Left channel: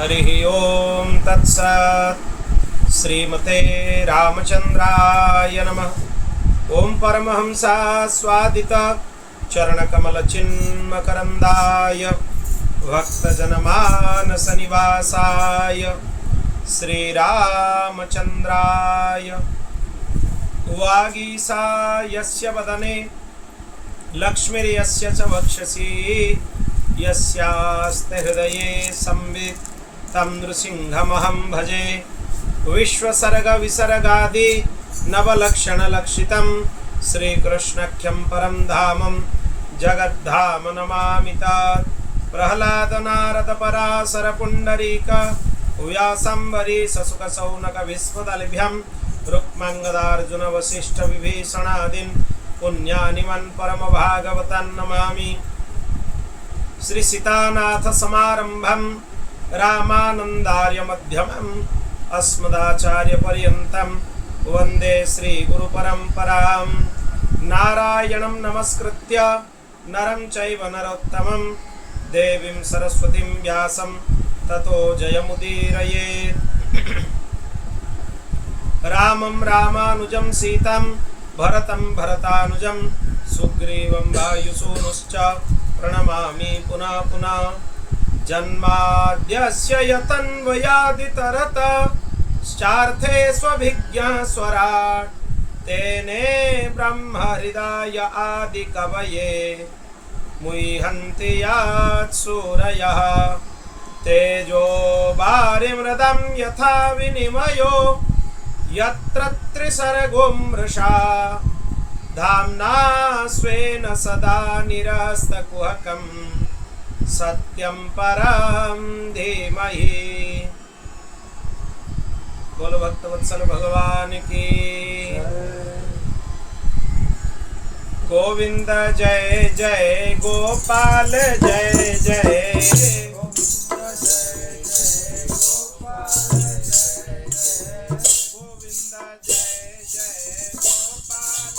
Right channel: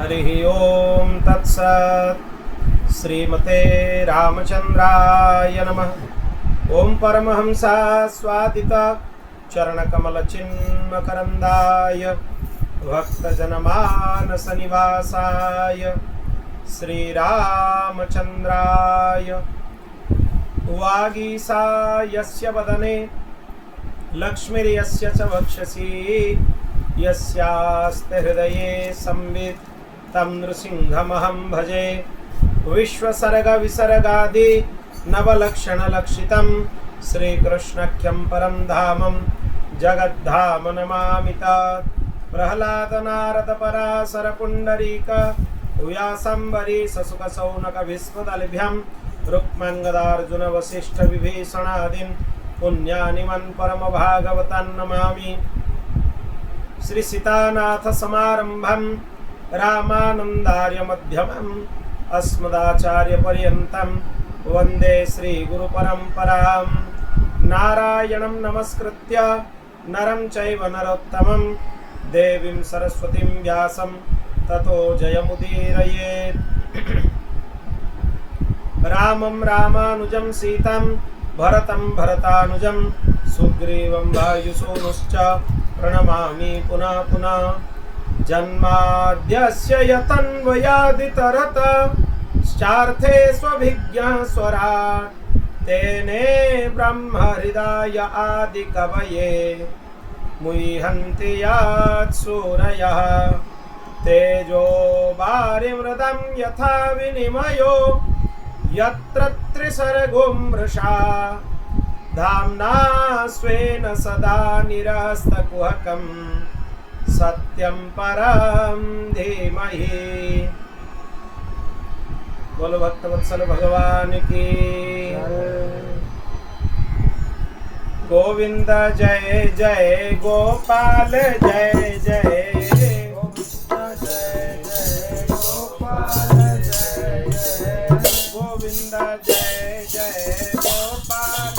हरि ओम तत्सत्। श्रीमते रामचंद्राय नमः। ओम परमहंसा स्वादित चरणकमलचिन्मकरन्दाय भक्तजनमानस निवासाय श्रीरामचंद्राय वागीसा यस्य वदने लक्ष्मीर्यस्य च वक्षसि यस्यास्ते हृदये संवित् तं नृसिंहमहं भजे। विश्वसर्गविसर्गादि नवलक्षणलक्षितं श्रीकृष्णाख्यं परं धामं जगद्धाम नमामि तत्। प्रह्लादनारदपराशरपुण्डरीक व्यासम्बरीशशुकशौनकविस्फुटलिभ्यं रुक्माङ्गदार्जुनवसिष्ठविभीषणादीन् पुण्यानिमन् परमभागवतान् नमामि। श्री सीतानाथ समारंभं रामानंदार्य मध्यमम् अस्मदाचार्य पर्यन्तं वन्दे श्री गुरु परंपरां। नारायणं नमस्कृत्य नरं चैव नरोत्तमं देवीं सरस्वतीं व्यासं ततो जयमुदीरयेत्। रामं रामानुजं सीतं भरतं भरतानुजं सुग्रीवं वायुसूनुश्च प्रणमामि पुनः पुनः। जन्माद्यस्य यतन्वयादितरतश्चार्थे स्वभिज्ञः स्वराट् तेने ब्रह्महृदाय आदिकवये मुह्यन्ति यत्सूरयः। तेजो वारिमृदं यथा विनिमयो यत्र त्रिसर्गो मृषा धाम्ना स्वेन सदा निरस्तकुहकं सत्यं परं धीमहि। बोलो भक्तवत्सल भगवान की। गोविंद जय जय गोपाल जय जय गोविंद जय जय गोपाल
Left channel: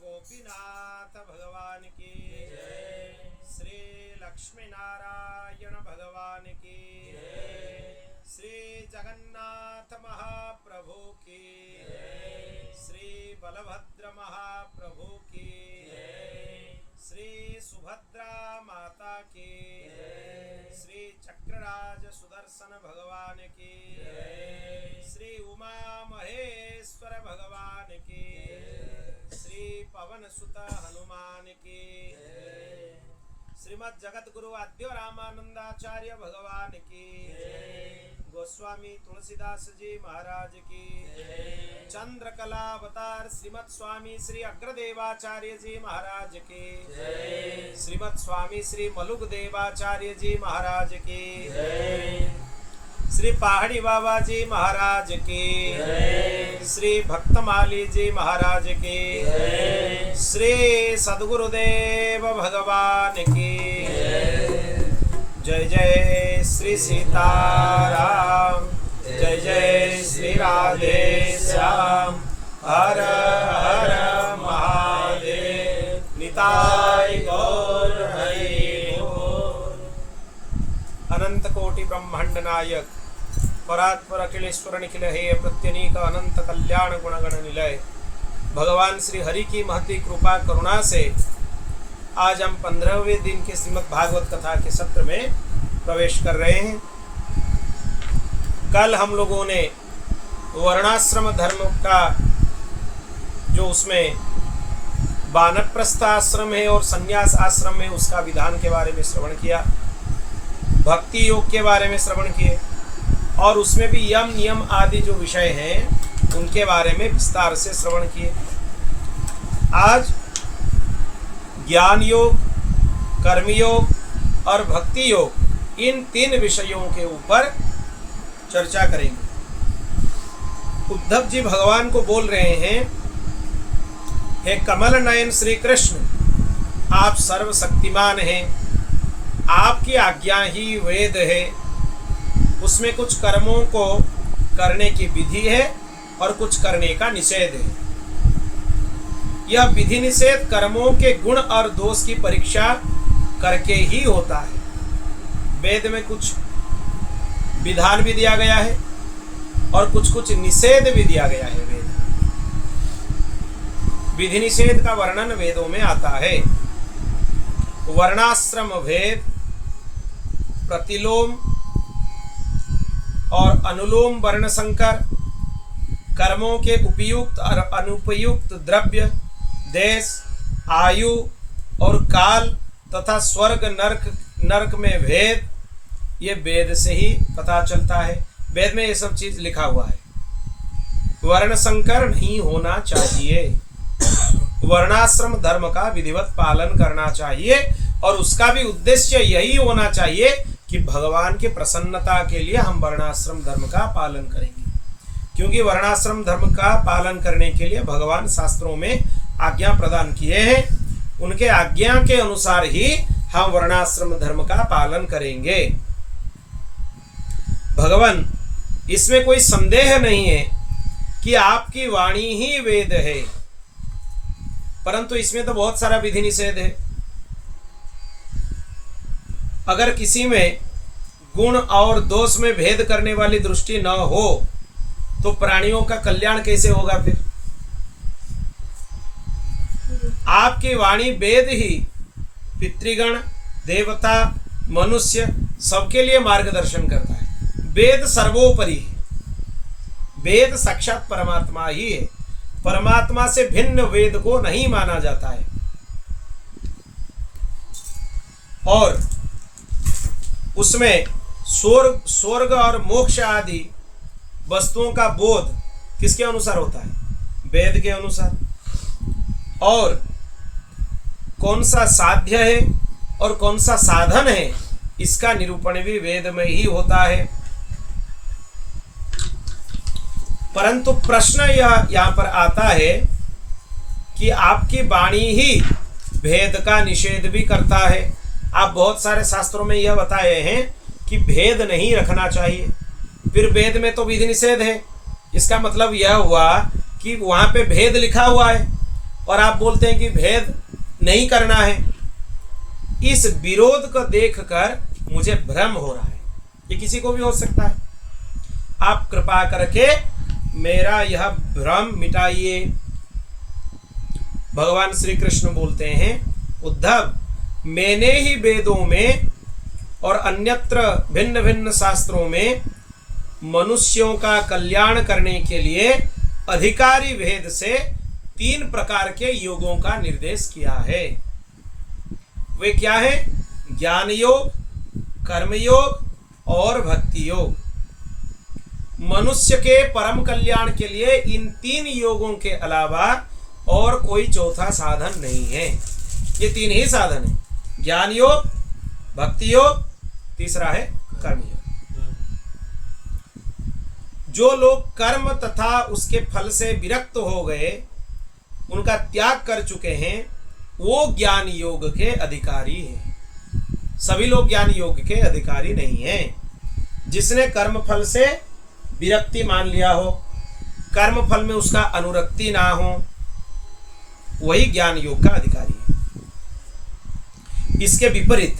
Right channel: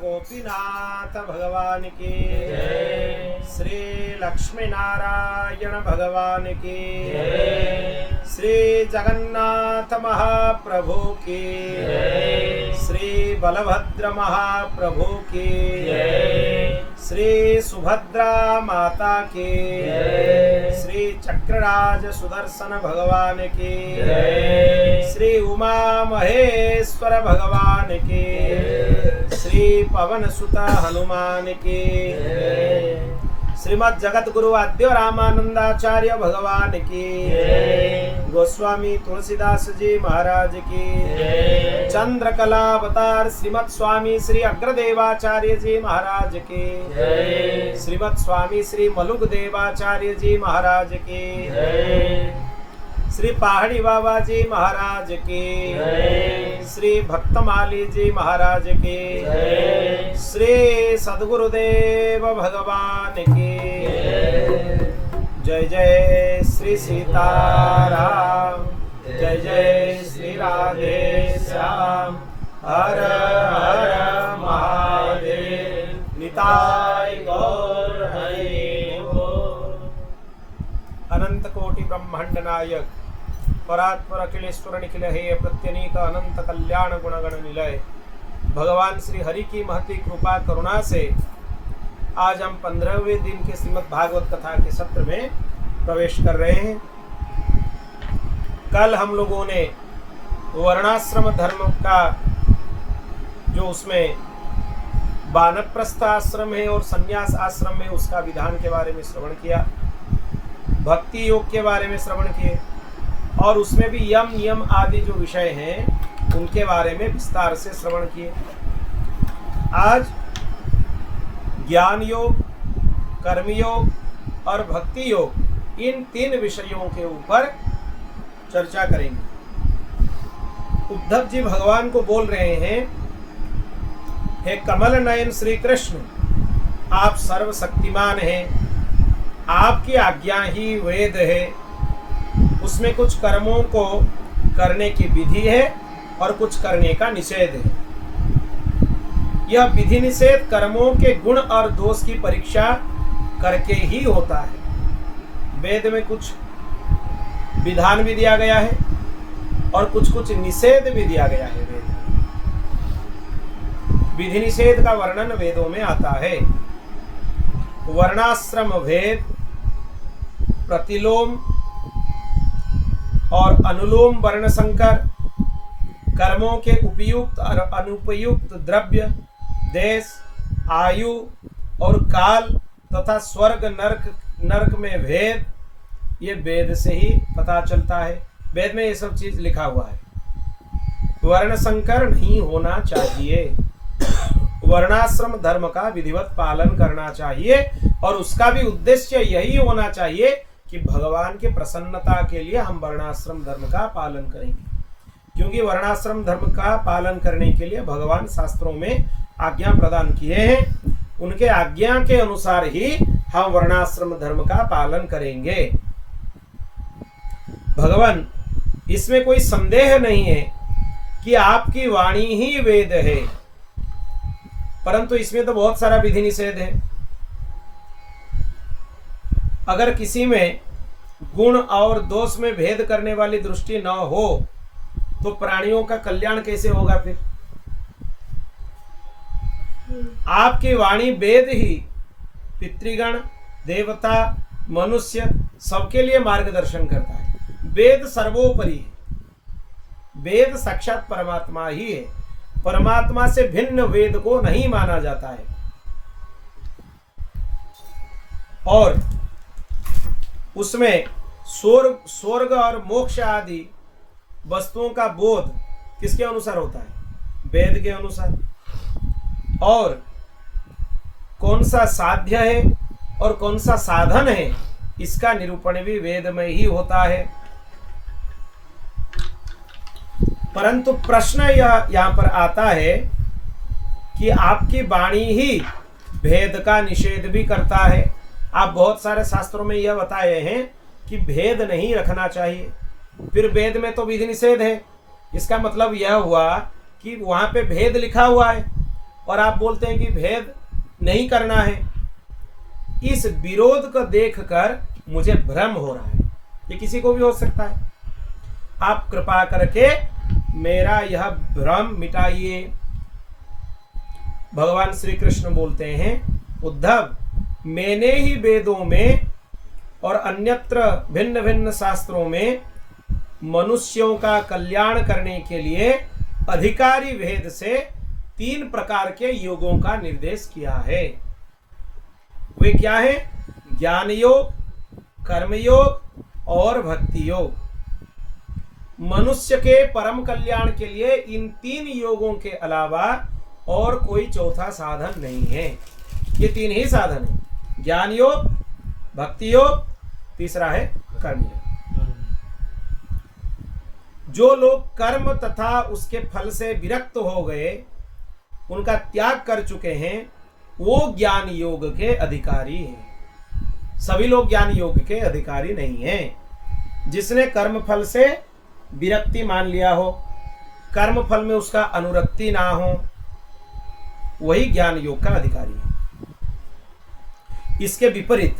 गोपीनाथ भगवान की। श्री लक्ष्मी नारायण भगवान की। श्री जगन्नाथ महाप्रभु की, श्री बलभद्र महाप्रभु की, श्री सुभद्रा माता की, श्री चक्रराज सुदर्शन भगवान की, श्री उमा महेश्वर भगवान की, श्री पवन सुत हनुमान की, श्रीमद् जगत गुरु आद्य रामानंदाचार्य भगवान की, गोस्वामी तुलसीदास जी महाराज की, चंद्रकला अवतार श्रीमद् स्वामी श्री अग्रदेवाचार्य जी महाराज की, श्रीमद् स्वामी श्री मलुक देवाचार्य जी महाराज की, श्री पहाड़ी बाबा जी महाराज की, श्री भक्तमाली जी महाराज की, श्री सद्गुरुदेव भगवान की। जय जय श्री सीताराम, जय जय श्री राधे श्याम, हर हर महादेव, निताय गौर हरि बोल। अनंत कोटि ब्रह्मांड नायक परात्पर अखिलेश्वर निखिल हे प्रत्यनीक अनंत कल्याण गुणगण निलय भगवान श्री हरि की महती कृपा करुणा से आज हम 15वें दिन के श्रीमद् भागवत कथा के सत्र में प्रवेश कर रहे हैं। कल हम लोगों ने वर्णाश्रम धर्म का जो उसमें वानप्रस्थ आश्रम है और संन्यास आश्रम है उसका विधान के बारे में श्रवण किया, भक्ति योग के बारे में श्रवण किए और उसमें भी यम नियम आदि जो विषय हैं उनके बारे में विस्तार से श्रवण किए। आज ज्ञान योग, कर्मयोग और भक्ति योग इन 3 विषयों के ऊपर चर्चा करेंगे। उद्धव जी भगवान को बोल रहे हैं, हे कमल नयन श्री कृष्ण, आप सर्वशक्तिमान हैं, आपकी आज्ञा ही वेद है, उसमें कुछ कर्मों को करने की विधि है और कुछ करने का निषेध है। यह विधि निषेध कर्मों के गुण और दोष की परीक्षा करके ही होता है। वेद में कुछ विधान भी दिया गया है और कुछ कुछ निषेध भी दिया गया है। वेद विधि निषेध का वर्णन वेदों में आता है। वर्णाश्रम भेद, प्रतिलोम और अनुलोम वर्ण संकर, कर्मों के उपयुक्त और अनुपयुक्त द्रव्य, देश, आयु और काल तथा स्वर्ग नरक में भेद, ये वेद से ही पता चलता है। वेद में ये सब चीज लिखा हुआ है। वर्ण संकर नहीं होना चाहिए, वर्णाश्रम धर्म का विधिवत पालन करना चाहिए और उसका भी उद्देश्य यही होना चाहिए कि भगवान के प्रसन्नता के लिए हम वर्णाश्रम धर्म का पालन करेंगे, क्योंकि वर्णाश्रम धर्म का पालन करने के लिए भगवान शास्त्रों में आज्ञा प्रदान किए हैं। उनके आज्ञा के अनुसार ही हम वर्णाश्रम धर्म का पालन करेंगे। भगवान, इसमें कोई संदेह नहीं है कि आपकी वाणी ही वेद है, परंतु इसमें तो बहुत सारा विधि निषेध है। अगर किसी में गुण और दोष में भेद करने वाली दृष्टि न हो तो प्राणियों का कल्याण कैसे होगा? फिर आपकी वाणी वेद ही पितृगण, देवता, मनुष्य सबके लिए मार्गदर्शन करता है। वेद सर्वोपरि है, वेद साक्षात परमात्मा ही है, परमात्मा से भिन्न वेद को नहीं माना जाता है। और उसमें स्वर्ग और मोक्ष आदि वस्तुओं का बोध किसके अनुसार होता है? वेद के अनुसार। और कौन सा साध्य है और कौन सा साधन है, इसका निरूपण भी वेद में ही होता है। परंतु प्रश्न यह यहाँ पर आता है कि आपकी वाणी ही भेद का निषेध भी करता है। आप बहुत सारे शास्त्रों में यह बताए हैं कि भेद नहीं रखना चाहिए, फिर वेद में तो विधि निषेध है। इसका मतलब यह हुआ कि वहाँ पे भेद लिखा हुआ है और आप बोलते हैं कि भेद नहीं करना है। इस विरोध को देखकर मुझे भ्रम हो रहा है, ये किसी को भी हो सकता है। आप कृपा करके मेरा यह भ्रम मिटाइए। भगवान श्री कृष्ण बोलते हैं, उद्धव, मैंने ही वेदों में और अन्यत्र भिन्न भिन्न शास्त्रों में मनुष्यों का कल्याण करने के लिए अधिकारी भेद से 3 प्रकार के योगों का निर्देश किया है। वे क्या है? ज्ञान योग, कर्म योग और भक्ति योग। मनुष्य के परम कल्याण के लिए इन 3 योगों के अलावा और कोई चौथा साधन नहीं है। ये 3 ही साधन है, ज्ञान योग, भक्ति योग, तीसरा है कर्म योग। जो लोग कर्म तथा उसके फल से विरक्त हो गए, उनका त्याग कर चुके हैं, वो ज्ञान योग के अधिकारी हैं। सभी लोग ज्ञान योग के अधिकारी नहीं हैं। जिसने कर्म फल से विरक्ति मान लिया हो, कर्म फल में उसका अनुरक्ति ना हो, वही ज्ञान योग का अधिकारी है। इसके विपरीत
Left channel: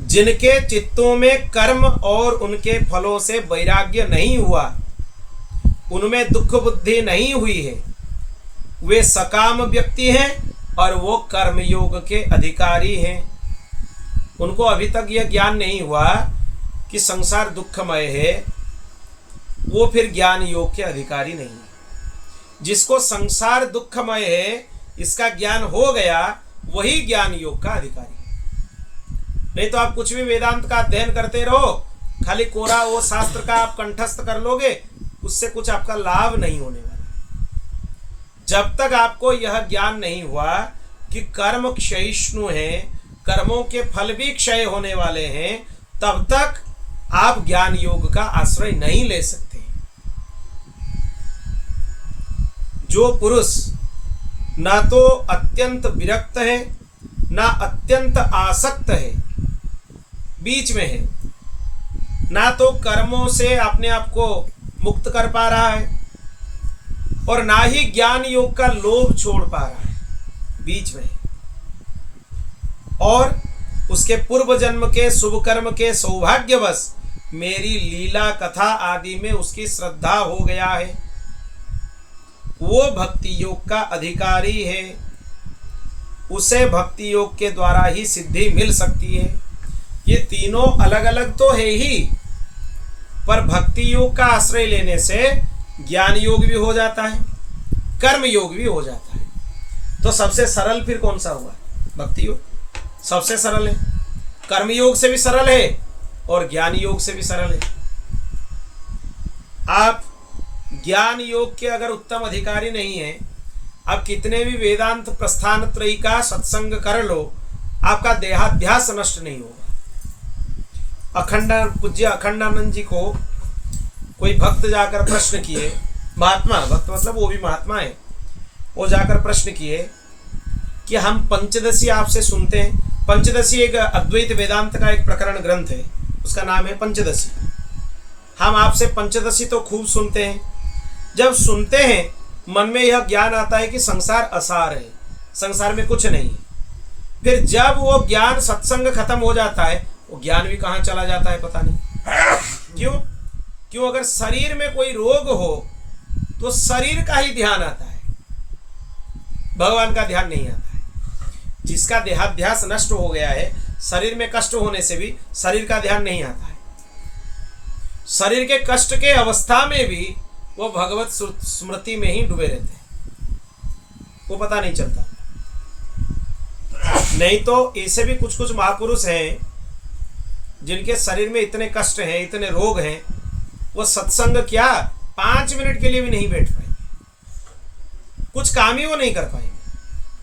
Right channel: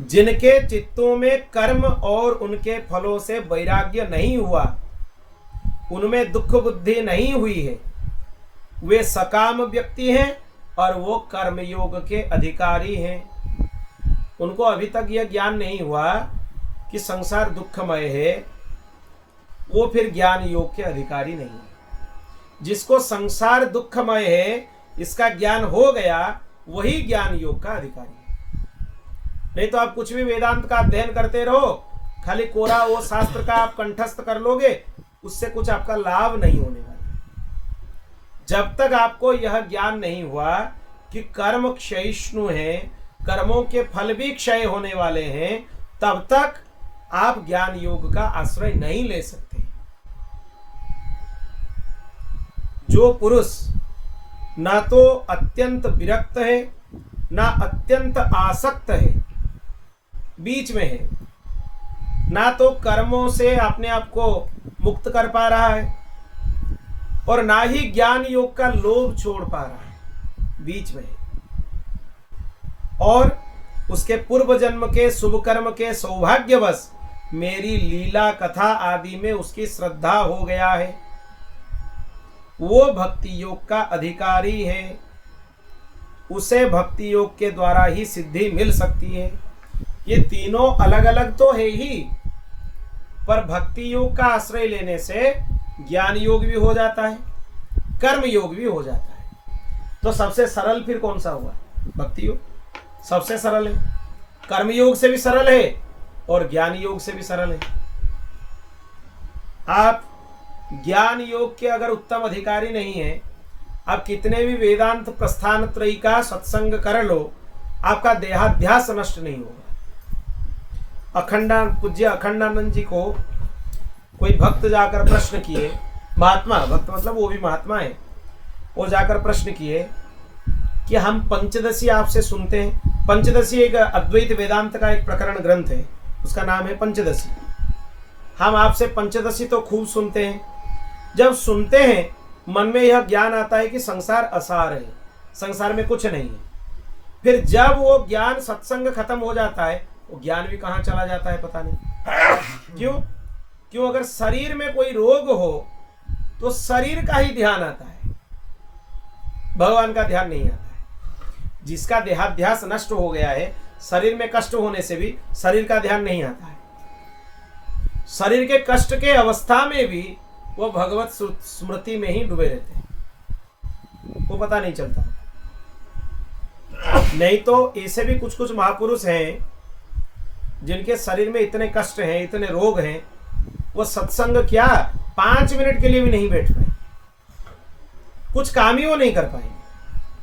जिनके चित्तों में कर्म और उनके फलों से वैराग्य नहीं हुआ, उनमें दुख बुद्धि नहीं हुई है, वे सकाम व्यक्ति हैं और वो कर्म योग के अधिकारी हैं। उनको अभी तक यह ज्ञान नहीं हुआ कि संसार दुखमय है, वो फिर ज्ञान योग के अधिकारी नहीं है। जिसको संसार दुखमय है इसका ज्ञान हो गया, वही ज्ञान योग का अधिकारी है। नहीं तो आप कुछ भी वेदांत का अध्ययन करते रहो, खाली कोरा वो शास्त्र का आप कंठस्थ कर लोगे, उससे कुछ आपका लाभ नहीं होने वाला। जब तक आपको यह ज्ञान नहीं हुआ कि कर्म क्षयिष्णु है, कर्मों के फल भी क्षय होने वाले हैं, तब तक आप ज्ञान योग का आश्रय नहीं ले सकते। जो पुरुष ना तो अत्यंत विरक्त है ना अत्यंत आसक्त है, बीच में है, ना तो कर्मों से अपने आप को मुक्त कर पा रहा है और ना ही ज्ञान योग का लोभ छोड़ पा रहा है, बीच में है, और उसके पूर्व जन्म के शुभ कर्म के सौभाग्यवश मेरी लीला कथा आदि में उसकी श्रद्धा हो गया है, वो भक्ति योग का अधिकारी है। उसे भक्ति योग के द्वारा ही सिद्धि मिल सकती है। ये तीनों अलग अलग तो है ही, पर भक्ति योग का आश्रय लेने से ज्ञान योग भी हो जाता है, कर्म योग भी हो जाता है। तो सबसे सरल फिर कौन सा हुआ? भक्ति योग सबसे सरल है, कर्म योग से भी सरल है और ज्ञान योग से भी सरल है। आप ज्ञान योग के अगर उत्तम अधिकारी नहीं है, आप कितने भी वेदांत प्रस्थान त्रयी का सत्संग कर लो, आपका देहाध्यास नष्ट नहीं होगा। पूज्य अखंडानंद जी को कोई भक्त जाकर प्रश्न किए, महात्मा, भक्त मतलब वो भी महात्मा है, वो जाकर प्रश्न किए कि हम पंचदशी आपसे सुनते हैं। पंचदशी एक अद्वैत वेदांत का एक प्रकरण ग्रंथ है, उसका नाम है पंचदशी। हम आपसे पंचदशी तो खूब सुनते हैं। जब सुनते हैं मन में यह ज्ञान आता है कि संसार असार है, संसार में कुछ नहीं है। फिर जब वो ज्ञान सत्संग खत्म हो जाता है, वो ज्ञान भी कहाँ चला जाता है पता नहीं क्यों। अगर शरीर में कोई रोग हो तो शरीर का ही ध्यान आता है, भगवान का ध्यान नहीं आता है। जिसका देहाध्यास नष्ट हो गया है, शरीर में कष्ट होने से भी शरीर का ध्यान नहीं आता है। शरीर के कष्ट के अवस्था में भी वो भगवत स्मृति में ही डूबे रहते हैं, वो पता नहीं चलता। नहीं तो ऐसे भी कुछ कुछ महापुरुष हैं जिनके शरीर में इतने कष्ट हैं, इतने रोग हैं, वो सत्संग क्या 5 मिनट के लिए भी नहीं बैठ पाएंगे, कुछ काम ही वो नहीं कर पाएंगे।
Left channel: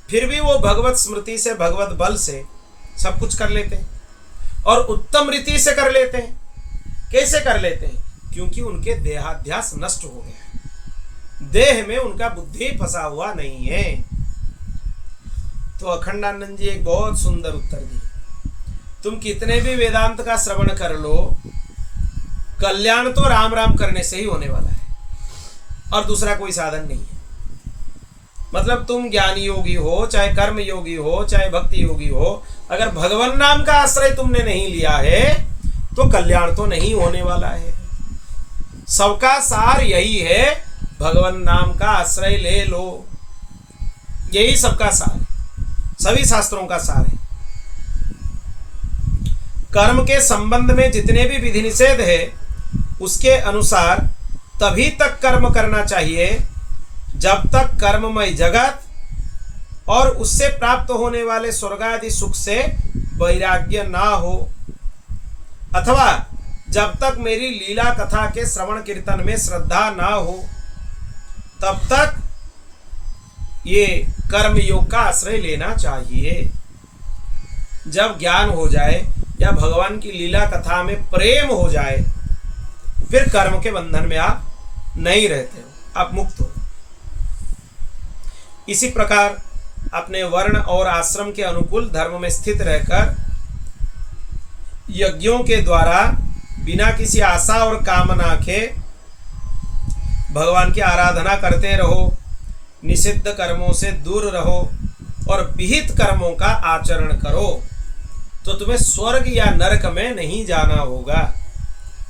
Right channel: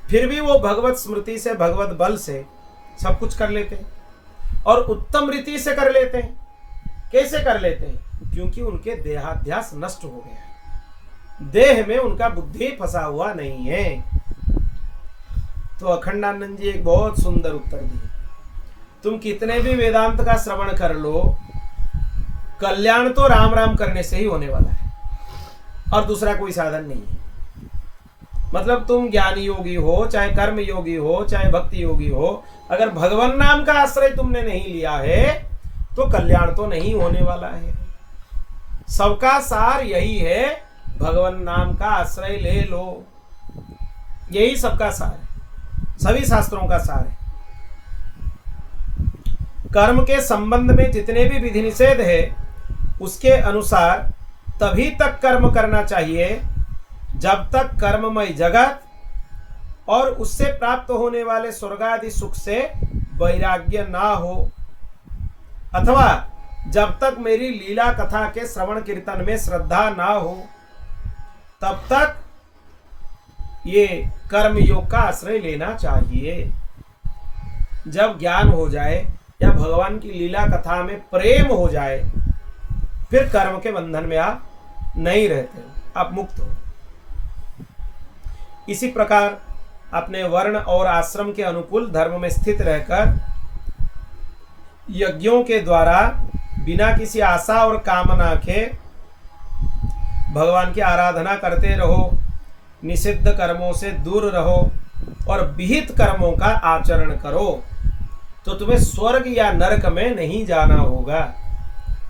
फिर भी वो भगवत स्मृति से, भगवत बल से सब कुछ कर लेते हैं और उत्तम रीति से कर लेते हैं। कैसे कर लेते हैं? क्योंकि उनके देहाध्यास नष्ट हो गया है, देह में उनका बुद्धि फंसा हुआ नहीं है। तो अखंडानंद जी एक बहुत सुंदर उत्तर दिए, तुम कितने भी वेदांत का श्रवण कर लो, कल्याण तो राम राम करने से ही होने वाला है और दूसरा कोई साधन नहीं है। मतलब तुम ज्ञानी योगी हो, चाहे कर्म योगी हो, चाहे भक्ति योगी हो, अगर भगवान नाम का आश्रय तुमने नहीं लिया है तो कल्याण तो नहीं होने वाला है। सबका सार यही है, भगवान नाम का आश्रय ले लो। यही सबका सार है, सभी शास्त्रों का सार है। कर्म के संबंध में जितने भी विधि निषेध है उसके अनुसार तभी तक कर्म करना चाहिए जब तक कर्ममय जगत और उससे प्राप्त होने वाले स्वर्ग आदि सुख से वैराग्य ना हो, अथवा जब तक मेरी लीला कथा के श्रवण कीर्तन में श्रद्धा ना हो, तब तक ये कर्म योग का आश्रय लेना चाहिए। जब ज्ञान हो जाए या भगवान की लीला कथा में प्रेम हो जाए, फिर कर्म के बंधन में आप नहीं रहते हो, आप मुक्त हो। इसी प्रकार अपने वर्ण और आश्रम के अनुकूल धर्म में स्थित रहकर यज्ञों के द्वारा बिना किसी आशा और कामना के भगवान की आराधना करते रहो, निषिद्ध कर्मों से दूर रहो और विहित कर्मों का आचरण करो, तो तुम्हें स्वर्ग या नरक में नहीं जाना होगा।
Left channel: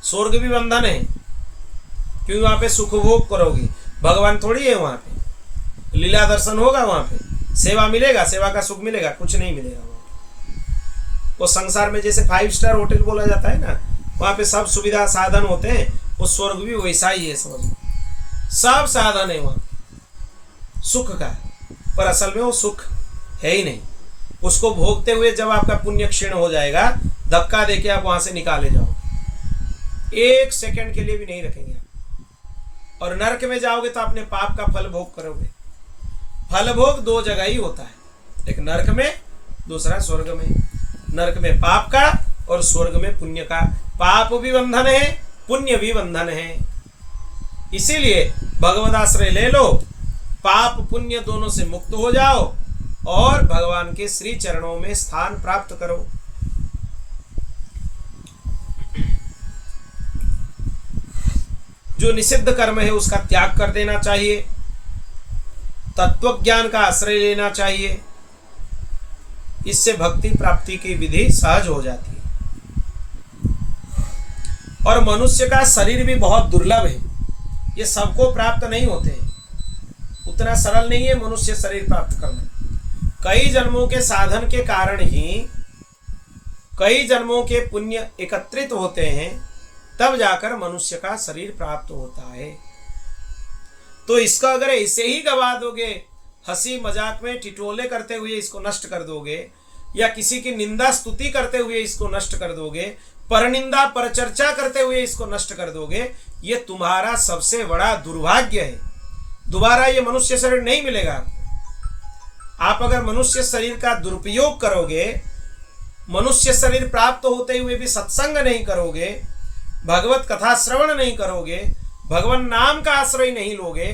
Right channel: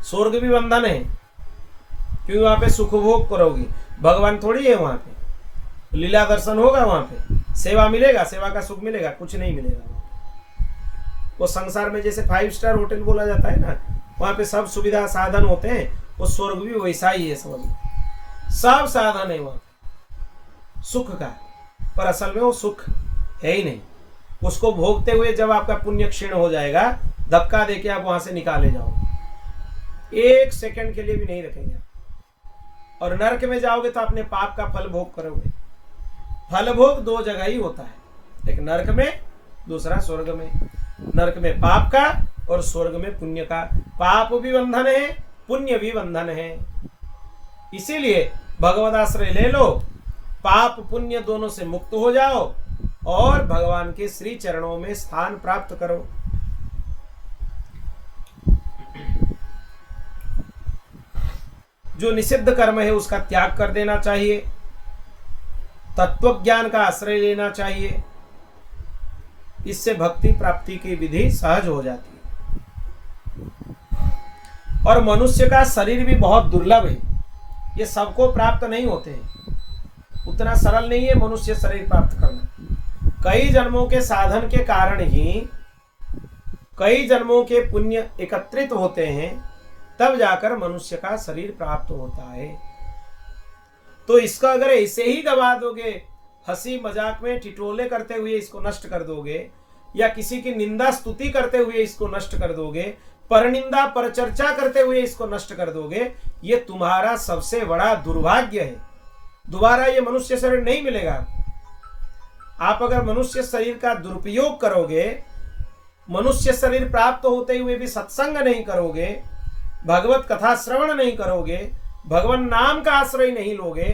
स्वर्ग भी बंधन है, क्योंकि वहां पे सुख भोग करोगी, भगवान थोड़ी है वहां पे। लीला दर्शन होगा वहां पे, सेवा मिलेगा, सेवा का सुख मिलेगा, कुछ नहीं मिलेगा वहां पे। वो संसार में जैसे 5 स्टार होटल बोला जाता है ना, वहां पे सब सुविधा साधन होते हैं, वो स्वर्ग भी वैसा ही है, समझ लो। सब साधन है वहां सुख का, पर असल में वो सुख है ही नहीं। उसको भोगते हुए जब आपका पुण्य क्षीण हो जाएगा, धक्का देके आप वहां से निकाले जाओ, 1 सेकंड के लिए भी नहीं रखेंगे आप। और नरक में जाओगे तो अपने पाप का फल भोग करोगे। फल भोग 2 जगह ही होता है, एक नरक में, दूसरा स्वर्ग में। नरक में पाप का और स्वर्ग में पुण्य का। पाप भी बंधन है, पुण्य भी बंधन है। इसीलिए भगवद आश्रय ले लो, पाप पुण्य दोनों से मुक्त हो जाओ और भगवान के श्री चरणों में स्थान प्राप्त करो। जो निषिद्ध कर्म है उसका त्याग कर देना चाहिए, तत्व ज्ञान का आश्रय लेना चाहिए। इससे भक्ति प्राप्ति की विधि सहज हो जाती है। और मनुष्य का शरीर भी बहुत दुर्लभ है, ये सबको प्राप्त नहीं होते हैं, उतना सरल नहीं है मनुष्य शरीर प्राप्त करना। कई जन्मों के साधन के कारण ही कई जन्मों के पुण्य एकत्रित होते हैं, तब जाकर मनुष्य का शरीर प्राप्त होता है। तो इसका अगर ऐसे ही गवा दोगे, हंसी मजाक में ठिठोले करते हुए इसको नष्ट कर दोगे, या किसी की निंदा स्तुति करते हुए इसको नष्ट कर दोगे, परनिंदा परचर्चा करते हुए इसको नष्ट कर दोगे, ये तुम्हारा सबसे बड़ा दुर्भाग्य है। दोबारा ये मनुष्य शरीर नहीं मिलेगा। आप अगर मनुष्य शरीर का दुरुपयोग करोगे, मनुष्य शरीर प्राप्त होते हुए भी सत्संग नहीं करोगे, भगवत कथा श्रवण नहीं करोगे, भगवान नाम का आश्रय नहीं लोगे,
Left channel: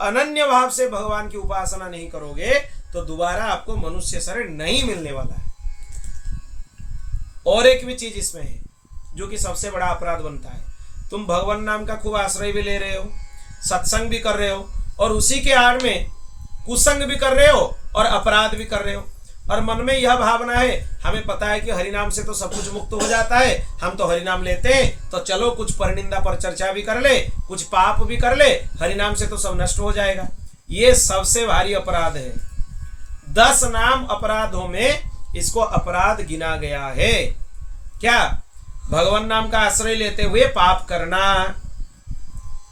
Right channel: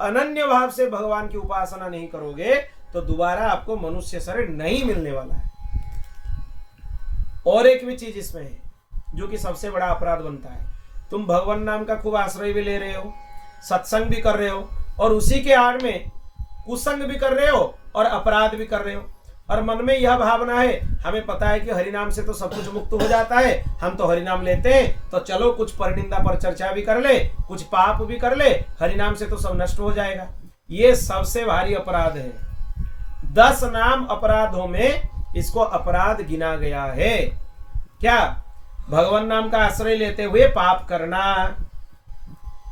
अनन्य भाव से भगवान की उपासना नहीं करोगे, तो दोबारा आपको मनुष्य शरीर नहीं मिलने वाला है। और एक भी चीज इसमें है जो कि सबसे बड़ा अपराध बनता है। तुम भगवान नाम का खूब आश्रय भी ले रहे हो, सत्संग भी कर रहे हो, और उसी के आड़ में कुसंग भी कर रहे हो और अपराध भी कर रहे हो। और मन में यह भावना है, हमें पता है कि हरिनाम से तो सब कुछ मुक्त हो जाता है, हम तो हरिनाम लेते हैं, तो चलो कुछ परनिंदा पर चर्चा भी कर ले, कुछ पाप भी कर ले, हरिनाम से तो सब नष्ट हो जाएगा। ये सबसे भारी अपराध है। 10 नाम अपराधों में इसको अपराध गिना गया है। क्या? भगवान नाम का आश्रय लेते हुए पाप करना,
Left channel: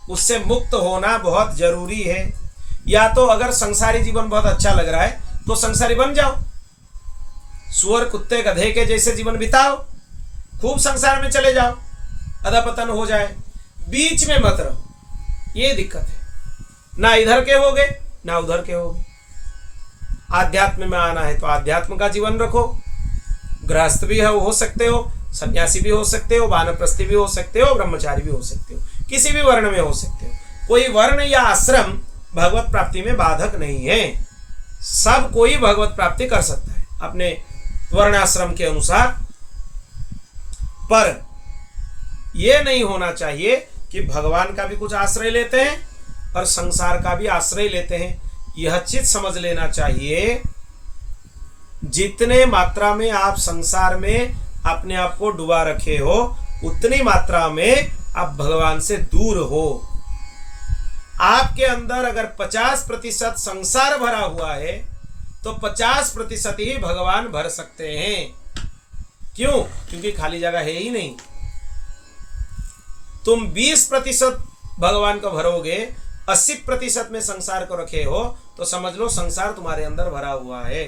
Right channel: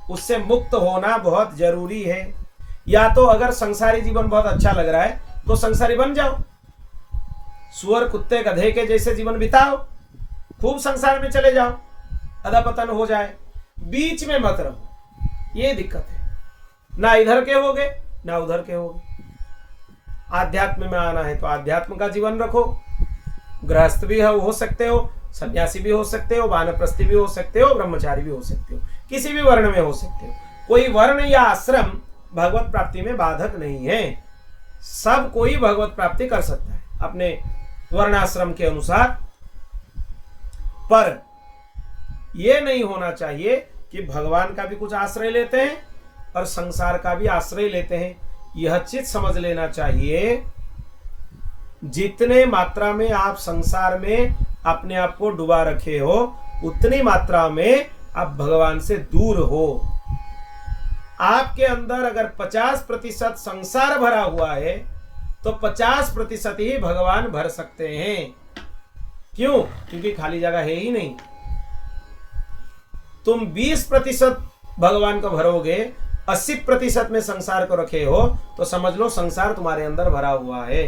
उससे मुक्त होना बहुत जरूरी है। या तो अगर संसारी जीवन बहुत अच्छा लग रहा है तो संसारी बन जाओ, सुअर कुत्ते गधे के जैसे जीवन बिताओ, खूब संसार में चले जाओ, अधपतन हो जाए, बीच में मत रहो। ये दिक्कत है, ना इधर के होगे ना उधर के होगे। आध्यात्म में आना है तो आध्यात्म का जीवन रखो, गृहस्थ भी हो सकते हो, सन्यासी भी हो सकते हो, वानप्रस्थी भी हो सकते हो, ब्रह्मचारी भी हो सकते हो, किसी भी वर्ण में हो सकते हो। कोई वर्ण या आश्रम भगवत प्राप्ति में बाधक नहीं है। सब कोई भगवत प्राप्ति कर सकता है अपने वर्णाश्रम के अनुसार। पर यह नहीं होना चाहिए कि भगवान का भी कुछ आश्रय लेते हैं और संसार का भी आश्रय लेते हैं। यह चीज समझ लेना चाहिए, जितने मात्रा में आप संसार में अपने आप को डुबा रखे हो, उतनी मात्रा में आप भगवान से दूर हो। आपके अंदर अगर 50% संसार भरा हुआ है तो 50% ही भगवान भर सकते हैं। क्यों? क्योंकि खाली जगह है ही नहीं। तुम 20% भगवान को भरोगे, 80% में संसार को रखे हो, तो समझ लो संसार तुम्हारे अंदर भरा हुआ है।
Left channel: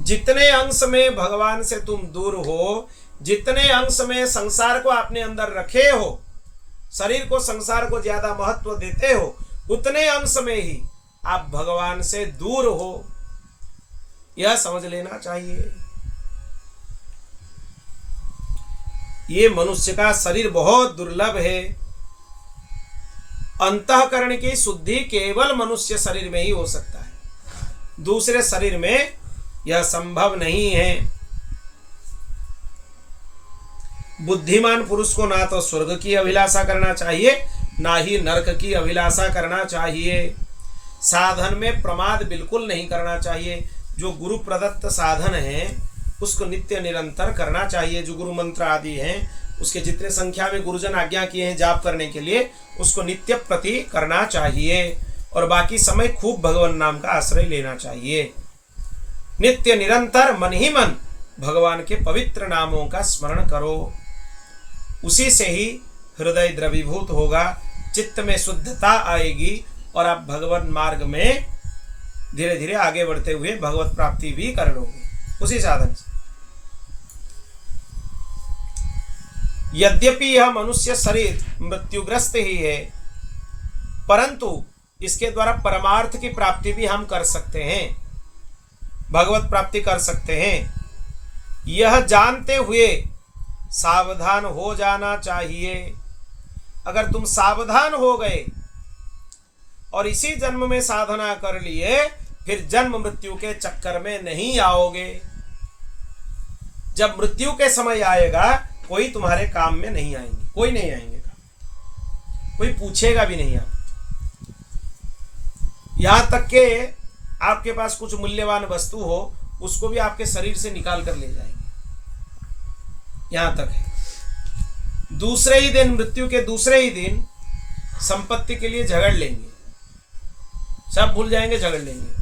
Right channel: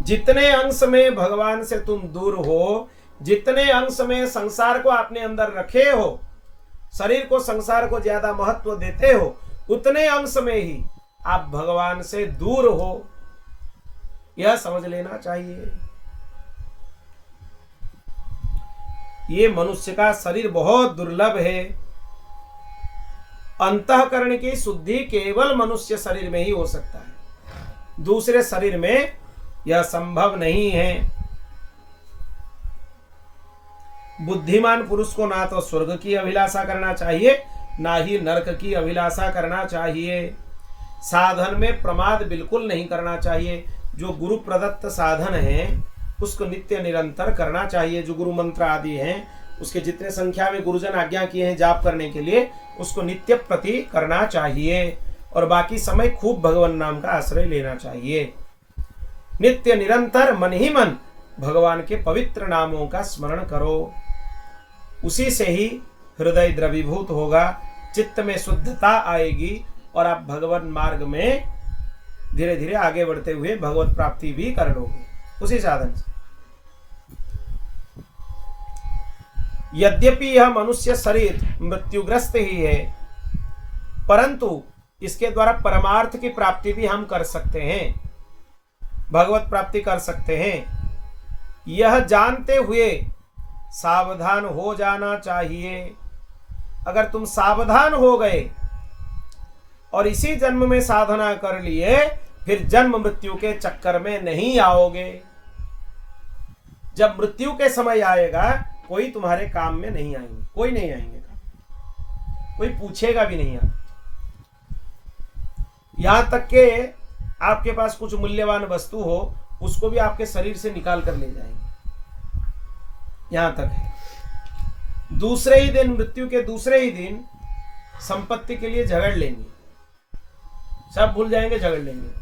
जितने अंश में भगवान से तुम दूर हो, जितने अंश में संसार को अपने अंदर रखे हो, शरीर को संसार को ज्यादा महत्व देते हो, उतने अंश में ही आप भगवान से दूर हो, यह समझ लेना चाहिए। ये मनुष्य का शरीर बहुत दुर्लभ है। अंतःकरण की शुद्धि केवल मनुष्य शरीर में ही हो सकता है, दूसरे शरीर में यह संभव नहीं है। बुद्धिमान पुरुष को ना तो स्वर्ग की अभिलाषा करना चाहिए, ना ही नरक की अभिलाषा करना चाहिए। साधन में प्रमाद बिल्कुल नहीं करना चाहिए। जो गुरु प्रदत्त साधन है उसको नित्य निरंतर करना चाहिए। जो गुरु मंत्र आदि हैं, उसके जितने संख्या में गुरुजन आज्ञा किए हैं जाप करने के लिए, उसको नित्य प्रति करना चाहिए। और बाकी समय खूब भगवान नाम का आश्रय लेना चाहिए। नित्य निरंतर मन ही मन भगवान के पवित्र नामों का स्मरण करो। उसी से ही हृदय द्रवीभूत होगा, चित्त में शुद्धता आएगी और आप भगवान मार्ग में धीरे धीरे आगे बढ़ते हुए भगवत प्राप्ति भी कर लोगे उसी साधन से। यद्यपि यह मनुष्य शरीर मृत्युग्रस्त ही है, परंतु इसके द्वारा परमार्थ की प्राप्ति भी हम कर सकते हैं, भगवत प्राप्ति कर सकते हैं। यह जानते हुए सावधान हो जाना चाहिए। अगर तुम सावधान हो गए और इसी जन्म में साधना कर लिए, फिर जन्म मृत्यु के चक्कर में नहीं आओगे। जब मृत्यु के समय आएगा, कोई तुम्हारे काम में नहीं आएंगे, कोई नहीं आएंगे, कोई पूछेगा भी नहीं। आप यहां तक के आपके पास कुछ मूल्यवान वस्तु हो, उसको भी आपके शरीर से निकाल कर ले जाएंगे। यहां तक है। दूसरे ही दिन, मृत्यु के दूसरे ही दिन संपत्ति के लिए झगड़ लेंगे, सब भूल जाएंगे, झगड़ लेंगे।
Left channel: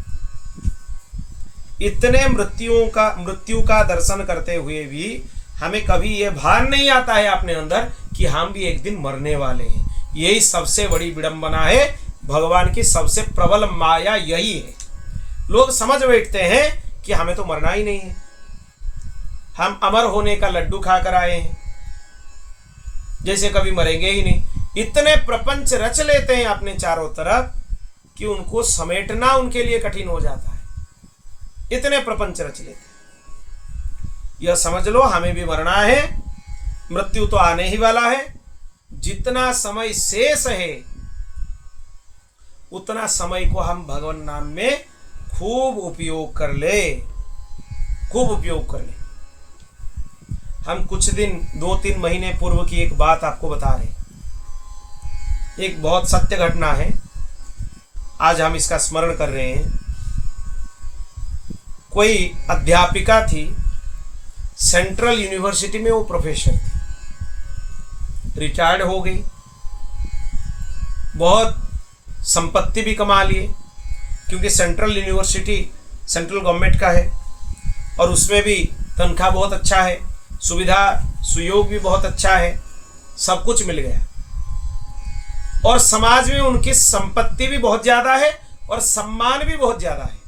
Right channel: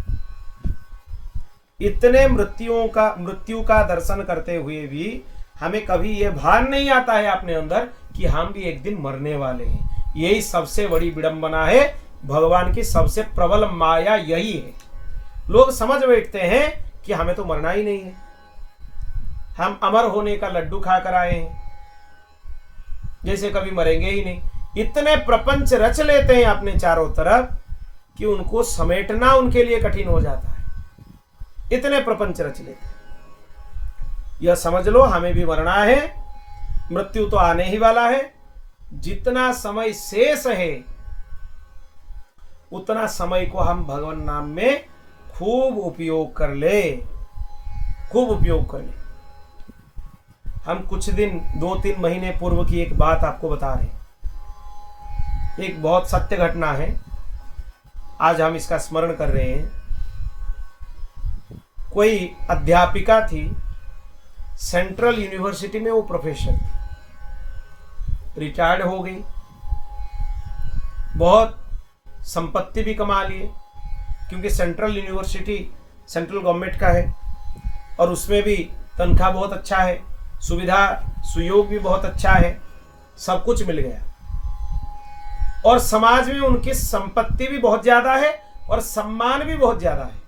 इतने मृत्यु का दर्शन करते हुए भी हमें कभी यह भान नहीं आता है अपने अंदर कि हम भी एक दिन मरने वाले हैं। यही सबसे बड़ी विडंबना है। भगवान की सबसे प्रबल माया यही है। लोग समझ बैठते हैं कि हमें तो मरना ही नहीं है, हम अमर होने का लड्डू खा कर आए हैं, जैसे कभी मरेंगे ही नहीं। इतने प्रपंच रच लेते हैं अपने चारों तरफ कि उनको समेटना उनके लिए कठिन हो जाता है। इतने प्रपंच रच लेते हैं। यह समझ लो हमें भी मरना है, मृत्यु तो आने ही वाला है। जितना समय शेष है उतना समय को हम भगवान नाम में खूब उपयोग कर ले, खूब उपयोग कर ले। हम कुछ दिन 2-3 महीने पूर्व की एक बात आपको बता रहे हैं। एक बहुत सत्य घटना है, आज हम इसका स्मरण कर रहे हैं। कोई अध्यापिका थी, सेंट्रल यूनिवर्सिटी में वो प्रोफेसर थी, रिटायर्ड हो गई, बहुत संपत्ति भी कमा लिए, क्योंकि सेंट्रल यूनिवर्सिटी सेंट्रल गवर्नमेंट का है और उसमें भी तनख्वाह बहुत अच्छा है, सुविधा सुयोग भी बहुत अच्छा है, सब कुछ मिल गया। और समाज में उनकी संपत्ति भी बहुत ज़्यादा है और सम्मान भी बहुत ज़्यादा है।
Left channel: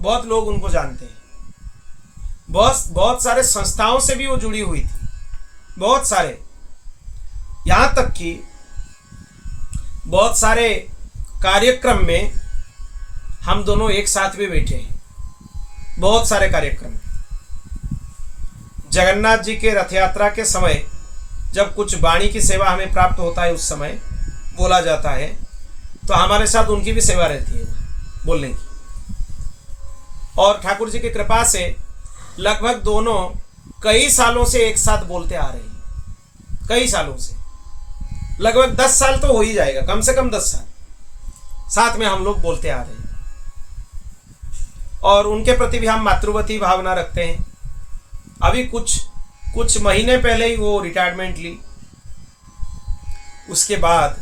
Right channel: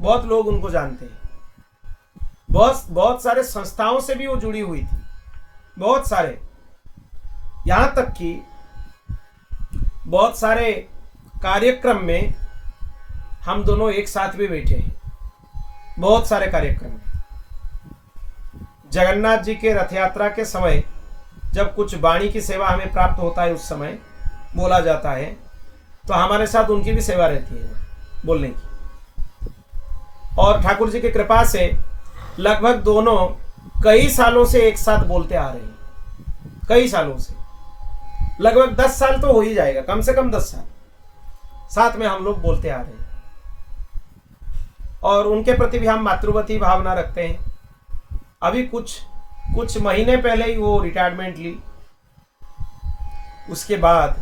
बहुत लोग उनको जानते हैं, बहुत सारे संस्थाओं से भी वो जुड़ी हुई थी, बहुत सारे। यहाँ तक कि बहुत सारे कार्यक्रम में हम दोनों एक साथ भी बैठे हैं, बहुत सारे कार्यक्रम में। जगन्नाथ जी के रथ यात्रा के समय जब कुछ वाणी की सेवा हमें प्राप्त होता है, उस समय बोला जाता है, तो हमारे साथ उनकी भी सेवा रहती है बोलने की। और ठाकुर जी की कृपा से लगभग दोनों कई सालों से एक साथ बोलते आ रहे हैं, कई सालों से, लगभग 10 साल तो हो ही जाएगा, कम से कम 10 साल साथ में हम लोग बोलते आ रहे हैं। और उनके प्रति भी हम मातृवती भावना रखते हैं। अभी कुछ महीने पहले ही वो रिटायरमेंट ली, उसके बाद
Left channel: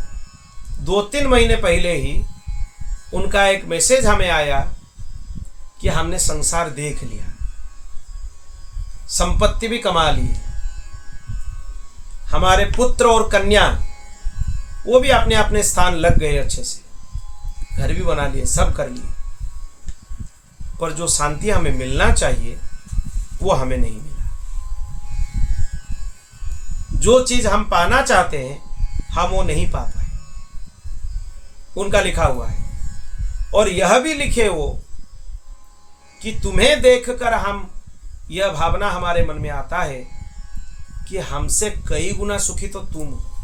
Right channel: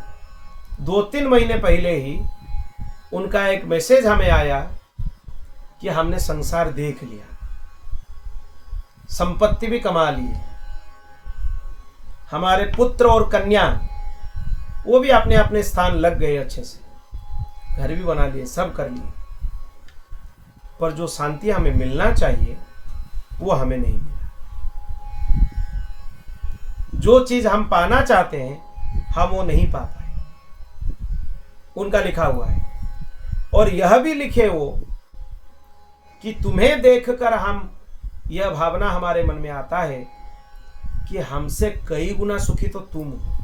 2-3 महीने पहले ही उनका एक मैसेज हमें आया कि हमने संसार देख लिया, संपत्ति भी कमा ली, हमारे पुत्र और कन्या वो भी अपने अपने स्थान लग गए, अच्छे से घर भी बना लिए, सब कर लिए, पर जो शांति हमें मिलना चाहिए वो हमें नहीं मिला। जो चीज हम पाना चाहते हैं हम वो नहीं पा पाए, उनका लिखा हुआ है। और यह भी लिखे वो कि तुम्हें देखकर हम, यह भावना हमारे मन में आता है कि हमसे कई गुना सुखी तो तुम हो।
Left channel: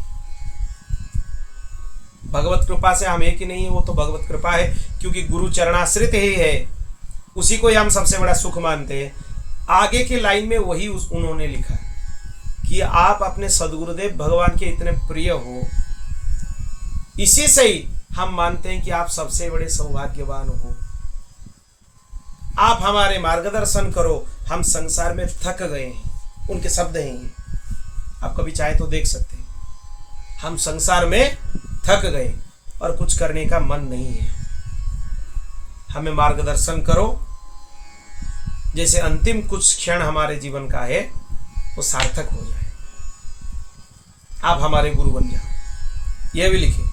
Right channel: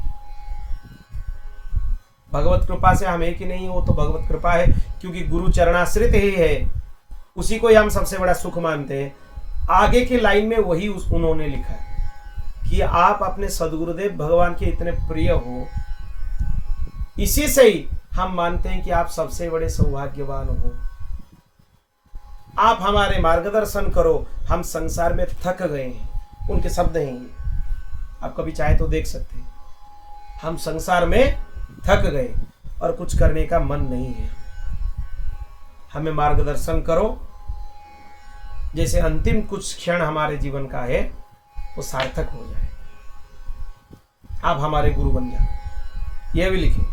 भगवत कृपा से हम एक ही नहीं है, वो तो भगवत कृपा है, क्योंकि गुरु चरणाश्रित ही है, उसी को ही हम सबसे बड़ा सुख मानते हैं। आगे की लाइन में वही उन्होंने लिखा कि आप अपने सदगुरुदेव भगवान के इतने प्रिय हो, इसी से ही हम मानते हैं कि आप सबसे बड़े सौभाग्यवान हो। आप हमारे मार्गदर्शन करो, हम संसार में थक गए हैं। उनके शब्द हैं ये, आप कभी चाहे तो देख सकते हैं। हम संसार में थक गए और कुछ करने का मन नहीं है, हमें मार्गदर्शन करो, जैसे अंतिम कुछ क्षण हमारे जीवन का है वो सार्थक हो जाए, आप हमारे गुरु बन जाओ। यह भी लिखे,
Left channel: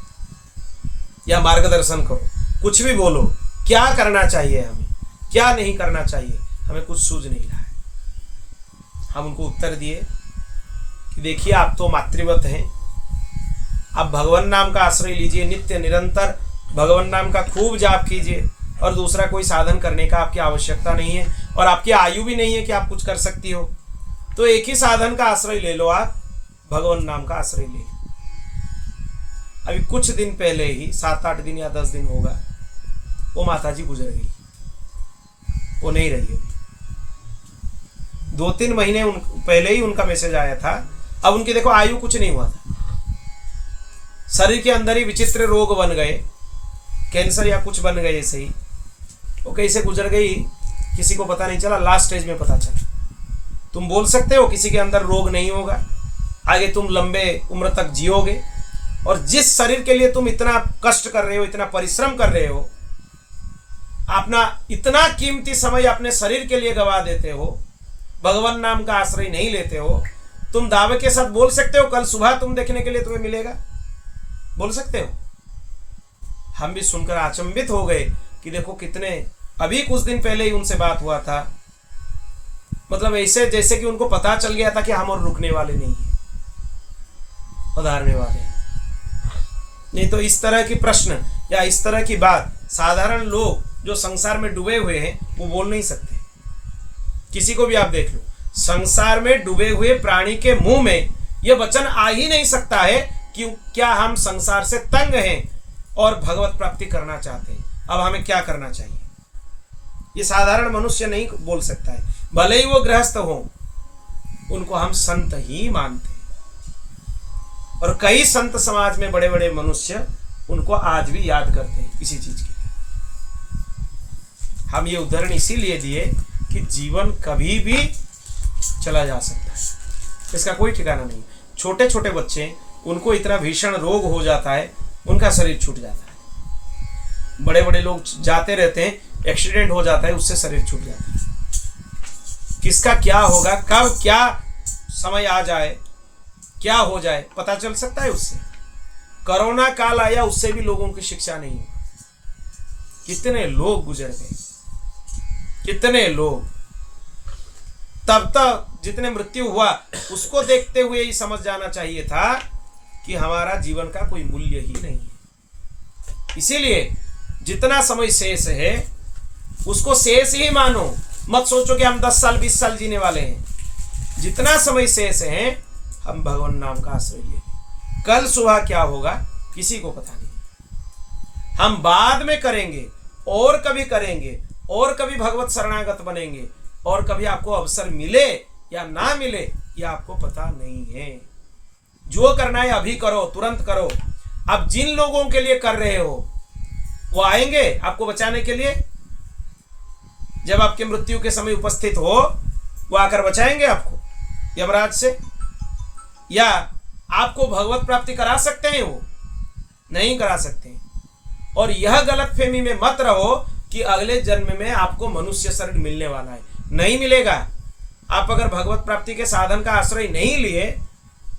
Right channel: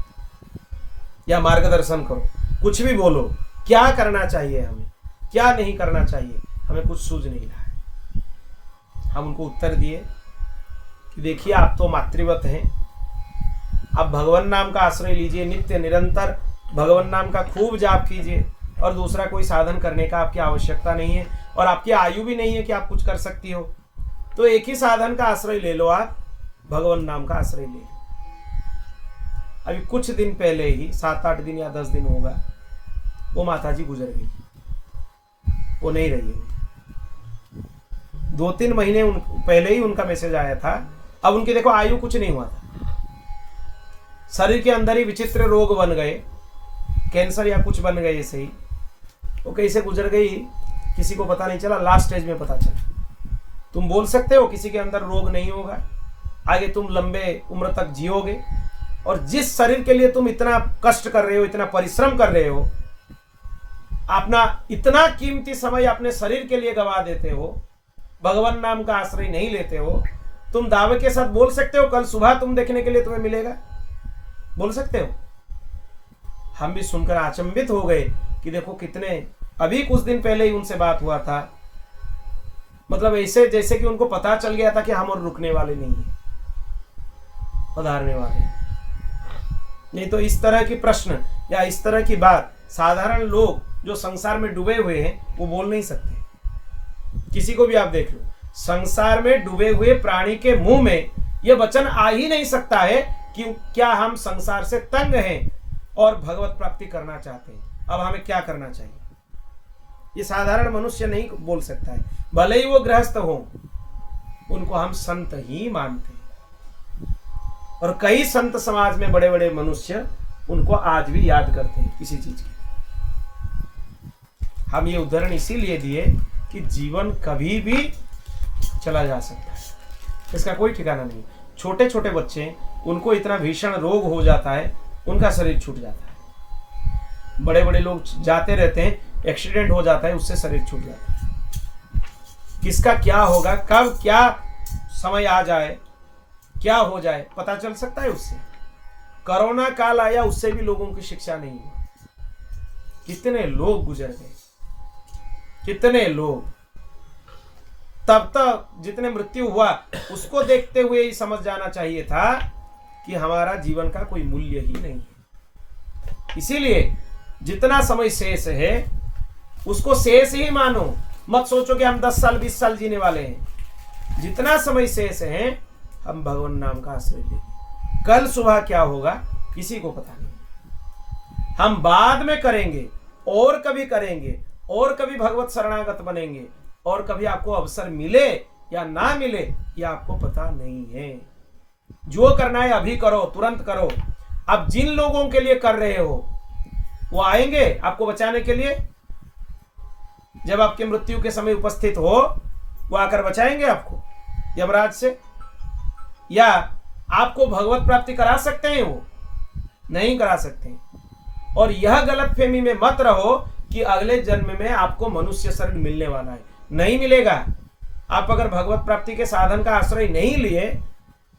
या मार्गदर्शन करो, कुछ भी बोलो, क्या करना चाहिए हमें, क्या नहीं करना चाहिए, हमें कुछ सूझ नहीं रहा है। हम उनको उत्तर दिए कि देखिए आप तो मातृवत हैं, आप भगवान नाम का आश्रय लीजिए, नित्य निरंतर भगवान नाम का खूब जाप कीजिए, और दूसरा कोई साधन करने का आपकी आवश्यकता नहीं है, और आपकी आयु भी नहीं है कि आप कुछ कर सकती हो, तो एक ही साधन का आश्रय ले लो, आप भगवान नाम का आश्रय ले लो। अभी कुछ दिन पहले ही, 7-8 दिन या 10 दिन होगा, वो माताजी गुजर गई, वो नहीं रही है। 2-3 महीने पहले ही उनका मैसेज आया था। अब उनकी देखो आयु कुछ नहीं हुआ था, शरीर के अंदर ही विचित्र रोग बन गए, कैंसर या कुछ बन गए ऐसे ही। वो कैसे गुजर गई किसी को पता नहीं चला, लास्ट स्टेज में पता चला। तुम बोल सकते हो किसी के अंदर रोग नहीं होगा, आगे तुम लंबे उम्र तक जियोगे, और जिस शरीर के लिए तुम इतना कष्ट कर रहे हो, इतना परिश्रम कर रहे हो, अपना इतना कीमती समय अपने शरीर के लिए गवा देते हो, भगवान नाम का आश्रय नहीं लेते हो, तुम दावे के साथ बोल सकते हो कल सुबह तुम देखने के लिए तुम्हें मिलेगा? बोल सकते हो? हम भी सुनकर अचंभित हो गए कि देखो कितने, अभी कुछ दिन पहले ही उनसे बात हुआ था, मतलब ऐसे जैसे कि उनको पता चल गया था कि हम और रुकने वाले नहीं है, पधारने वाले नहीं। तो इस तरह की प्रश्न या इस तरह की बात साधारण लोग जो संसार में डूबे हुए हैं वो बोल नहीं सकते। किसी को भी आप देख लो, संसार में डूबे हुए प्राणी के मुंह में यह वचन आ ही नहीं सकता है कि क्या हम संसार से तंग हैं और भगवत प्राप्ति करना चाहते हैं, अब हमें क्या करना चाहिए। ये साधारण मनुष्य नहीं बोल सकता है, भले ही वो गृहस्थ हो, उनको हम संत ही मानते हैं। और कई संत समाज में बड़े बड़े मनुष्य उनको आज भी याद करते हैं किसी चीज के लिए। हम ये उदाहरण इसीलिए दिए कि जीवन कभी भी चला जा सकता है, इसका कोई ठिकाना नहीं। छोटे छोटे बच्चे, उनको इतना भीषण रोग हो जाता है, उनका शरीर छूट जाता है। बड़े बड़े लोग जाते रहते हैं, एक्सीडेंट हो जाता है, उससे शरीर छूट जाता है। किसका क्या होगा, कब क्या समय आ जाए, क्या हो जाए, पता चल सकता है उससे। कोरोना काल आया, उससे भी लोगों की शिक्षा नहीं हुई। कितने लोग गुजर गए, कितने लोग। तब तक जितने मृत्यु हुआ उसको देखते हुए ही समझ जाना चाहिए था कि हमारा जीवन का कोई मूल्य ही नहीं है। इसीलिए जितना समय शेष है उसको शेष ही मानो, मत सोचो कि हम 10 साल 20 साल जीने वाले हैं। जितना समय शेष है हम भगवान नाम का आश्रय ले। कल सुबह क्या होगा किसी को पता नहीं। हम बाद में करेंगे और कभी करेंगे और कभी भगवत शरणागत बनेंगे, और कभी आपको अवसर मिले या ना मिले ये आपको पता नहीं है। जो करना है अभी करो, तुरंत करो। अब जिन लोगों के लिए कर रहे हो वो आएंगे आपको बचाने के लिए। जब आपके मृत्यु के समय उपस्थित हो वो आकर बचाएंगे आपको यमराज से, या आपको भगवत प्राप्ति करा सकते हैं? वो नहीं करा सकते। और यह गलतफहमी में मत रहो कि अगले जन्म में आपको मनुष्य शरीर मिलने वाला है, नहीं मिलेगा। आप अगर भगवत प्राप्ति के साधन का आश्रय नहीं लिए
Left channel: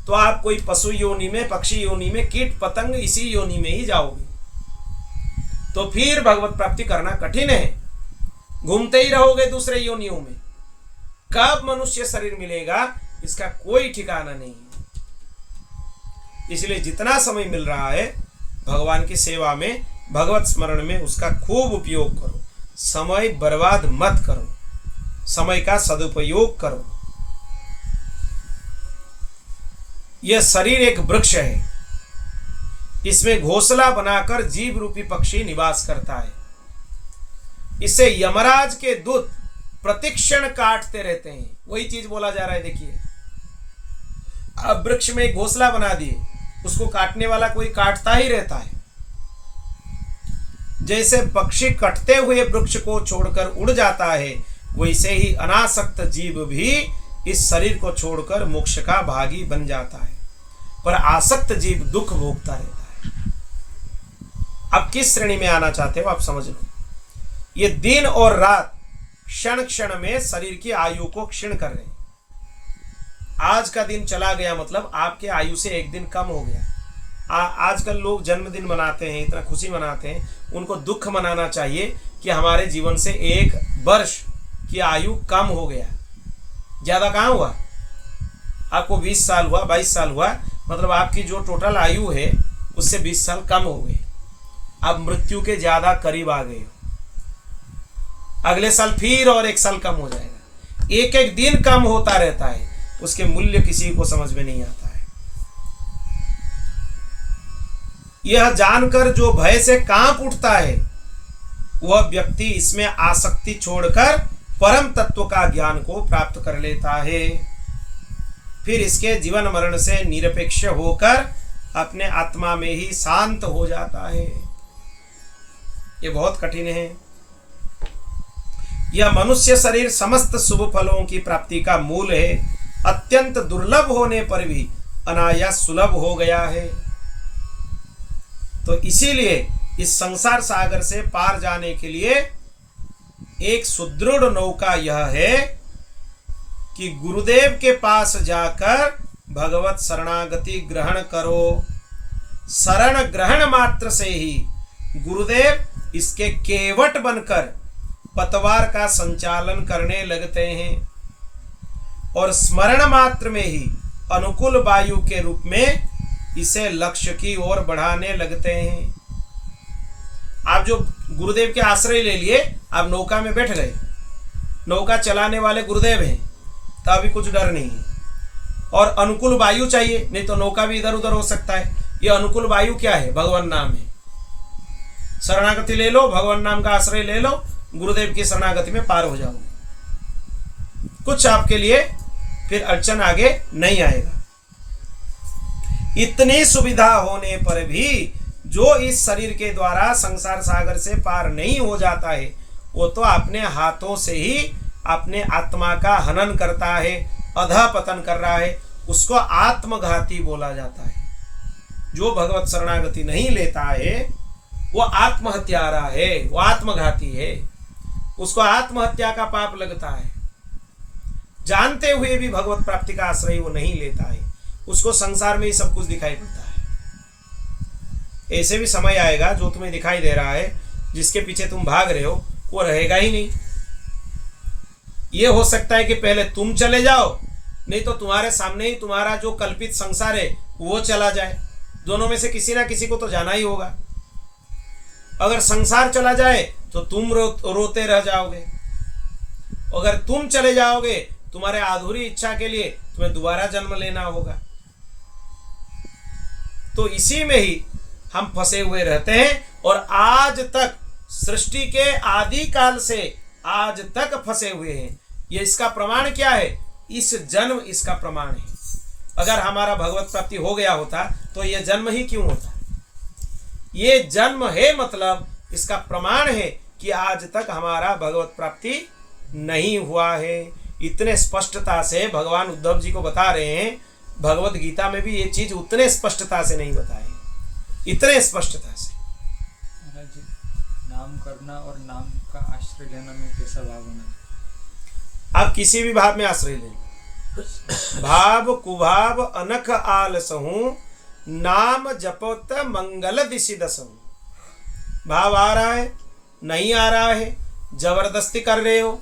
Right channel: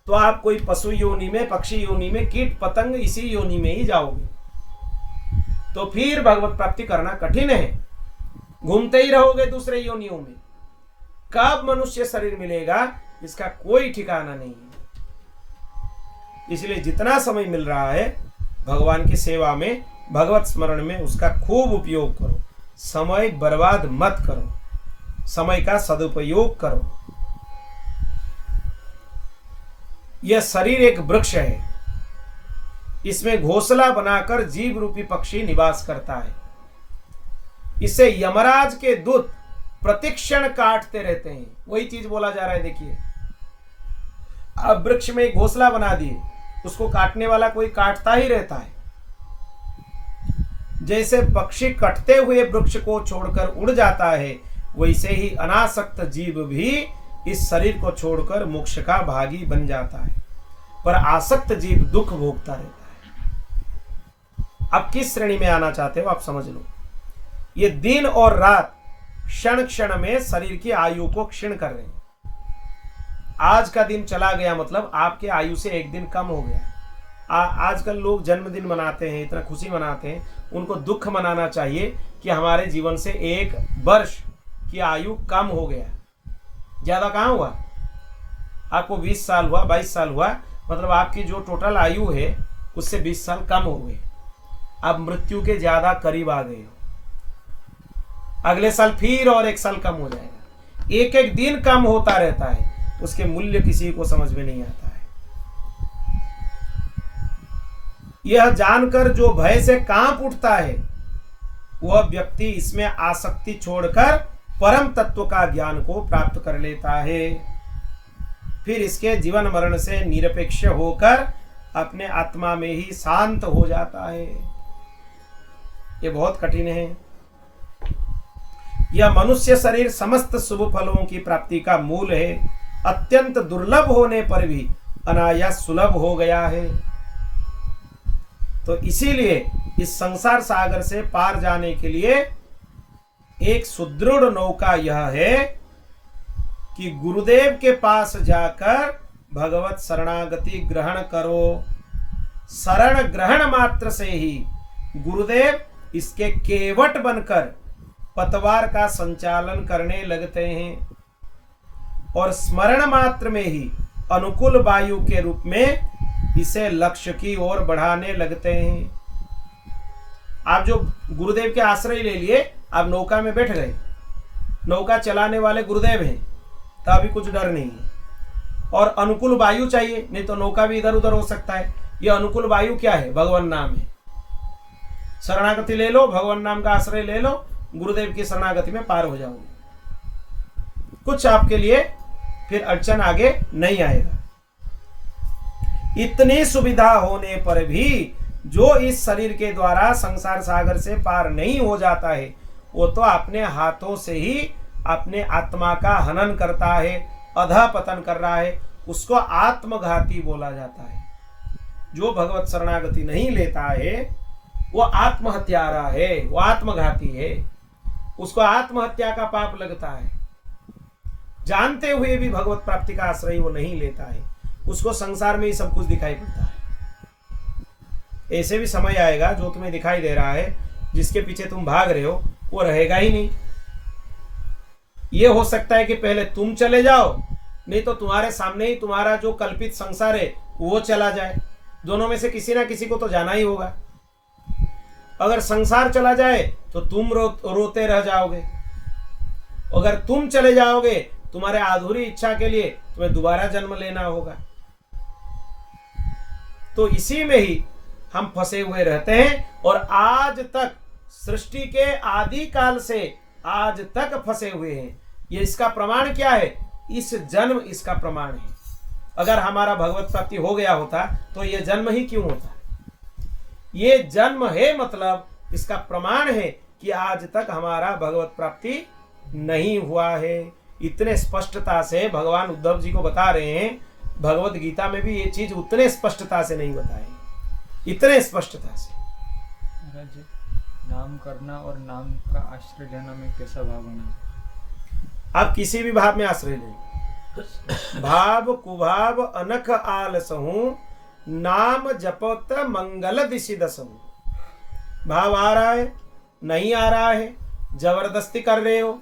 तो आप कोई पशु योनि में, पक्षी योनि में, कीट पतंग इसी योनि में ही जाओगे। तो फिर भगवत प्राप्ति करना कठिन है, घूमते ही रहोगे दूसरे योनियों में। कब मनुष्य शरीर मिलेगा इसका कोई ठिकाना नहीं है। इसलिए जितना समय मिल रहा है भगवान की सेवा में, भगवत स्मरण में, उसका खूब उपयोग करो। समय बर्बाद मत करो, समय का सदुपयोग करो। यह शरीर एक वृक्ष है, इसमें घोंसला बनाकर जीव रूपी पक्षी निवास करता है। इसे यमराज के दूत प्रतिक्षण काटते रहते हैं। वही चीज बोला जा रहा है। देखिए, अब वृक्ष में एक घोंसला बना दिए, उसको काटने वाला कोई काटता ही रहता है। जैसे पक्षी कटते हुए वृक्ष को छोड़कर उड़ जाता है, वैसे ही अनासक्त जीव भी इस शरीर को छोड़कर मोक्ष का भागी बन जाता है, पर आसक्त जीव दुख भोगता रहता है। अब किस श्रेणी में आना चाहते हो आप समझ लो। ये दिन और रात क्षण क्षण में शरीर की आयु को क्षीण कर रहे हैं। आज का दिन चला गया मतलब आपके आयु से एक दिन कम हो गया। आजकल लोग जन्मदिन मनाते हैं, इतना खुशी मनाते हैं, उनको दुख मनाना चाहिए कि हमारे जीवन से एक वर्ष की आयु कम हो गया। ज़्यादा कहाँ हुआ? आपको 20 साल हुआ, 22 साल हुआ, मतलब आपकी जो टोटल आयु है उससे 20 साल कम हो गए। आप मृत्यु के ज़्यादा करीब आ गए हो। अगले साल फिर और 1 साल कम हो जाएगा। एक एक दिन कम होता रहता है, उसके मूल्य किसी को समझ में नहीं आता है। यह जानकर जो भय से कांप उठता है वह व्यक्ति इसमें आसक्ति छोड़कर परम तत्व का ज्ञान को प्राप्त कर लेता है। फिर इसके जीवन मरण से निरपेक्ष होकर अपने आत्मा में ही शांत हो जाता है। ये बहुत कठिन है। यह मनुष्य शरीर समस्त शुभ फलों की प्राप्ति का मूल है, अत्यंत दुर्लभ होने पर भी अनायास सुलभ हो गया है। तो इसीलिए इस संसार सागर से पार जाने के लिए एक सुदृढ़ नौका यह है कि गुरुदेव के पास जाकर भगवत शरणागति ग्रहण करो। शरण ग्रहण मात्र से ही गुरुदेव इसके केवट बनकर पतवार का संचालन करने लगते हैं और स्मरण मात्र में ही अनुकूल वायु के रूप में इसे लक्ष्य की ओर बढ़ाने लगते हैं। आप जो गुरुदेव के आश्रय ले लिए, आप नौका में बैठ गए, नौका चलाने वाले गुरुदेव हैं, तो अभी कुछ डर नहीं है। और अनुकूल वायु चाहिए, नहीं तो नौका भी इधर उधर हो सकता है। यह अनुकूल वायु क्या है? भगवान नाम है। शरणागति ले लो, भगवान नाम का आश्रय ले लो, गुरुदेव की शरणागति में पार हो जाओगे। कुछ आपके लिए फिर अड़चन आगे नहीं आएगा। इतनी सुविधा होने पर भी जो इस शरीर के द्वारा संसार सागर से पार नहीं हो जाता है, वो तो अपने हाथों से ही अपने आत्मा का हनन करता है, अधःपतन कर रहा है। उसको आत्मघाती बोला जाता है। जो भगवत शरणागति नहीं लेता है वो आत्महत्यारा है, वो आत्मघाती है। उसको आत्महत्या का पाप लगता है। जानते हुए भी भगवत प्राप्ति का आश्रय वो नहीं लेता है, उसको संसार में ही सब कुछ दिखाई पड़ता है। ऐसे भी समय आएगा जो तुम्हें दिखाई दे रहा है, जिसके पीछे तुम भाग रहे हो, वो रहेगा ही नहीं। ये हो सकता है कि पहले तुम चले जाओ, नहीं तो तुम्हारे सामने ही तुम्हारा जो कल्पित संसार है वो चला जाए। दोनों में से किसी ना किसी को तो जाना ही होगा। अगर संसार चला जाए तो तुम रोते रह जाओगे। अगर तुम चले जाओगे, तुम्हारे अधूरी इच्छा के लिए तुम्हें दोबारा जन्म लेना होगा। तो इसी में ही हम फंसे हुए रहते हैं और आज तक सृष्टि के आदि काल से आज तक फंसे हुए हैं। ये इसका प्रमाण क्या है? इस जन्म इसका प्रमाण है। अगर हमारा भगवत प्राप्ति हो गया होता तो यह जन्म ही क्यों होता? ये जन्म है, मतलब इसका प्रमाण है कि आज तक हमारा भगवत प्राप्ति नहीं हुआ है। इतने स्पष्टता से भगवान उद्धव जी को बता रहे हैं, भगवत गीता में भी ये चीज उतने स्पष्टता से नहीं बताए, इतने स्पष्टता से। नाम करना और नाम का आश्रय लेना में कैसा भाव होना? आप किसी भी भाव में आश्रय लें। भाव कुभाव अनख आलसहूं, नाम जपत मंगल दिशि दसहूं। भाव आ रहा है, नहीं आ रहा है, जबरदस्ती कर रहे हो,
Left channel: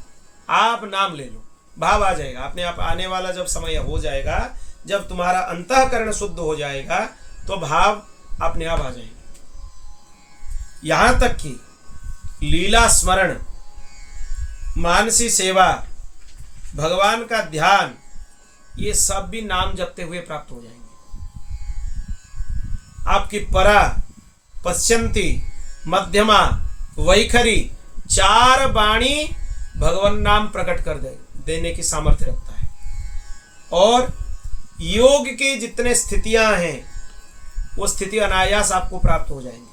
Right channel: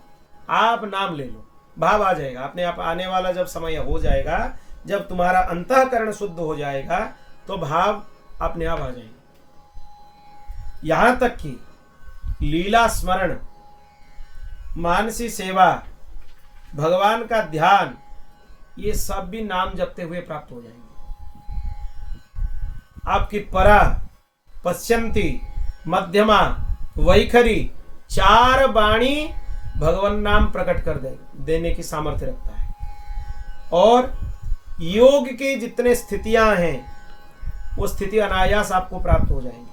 आप नाम ले लो, भाव आ जाएगा अपने आप। आने वाला जब समय हो जाएगा, जब तुम्हारा अंतःकरण शुद्ध हो जाएगा, तो भाव अपने आप आ जाएंगे। यहां तक कि लीला स्मरण, मानसी सेवा, भगवान का ध्यान, ये सब भी नाम जपते हुए प्राप्त हो जाएंगे। आपकी परा, पश्यंती, मध्यमा, वैखरी, 4 वाणी भगवान नाम प्रकट कर देने की सामर्थ्य रखता है। और योग की जितने स्थितियां हैं, वो स्थिति अनायास आपको प्राप्त हो जाएंगी।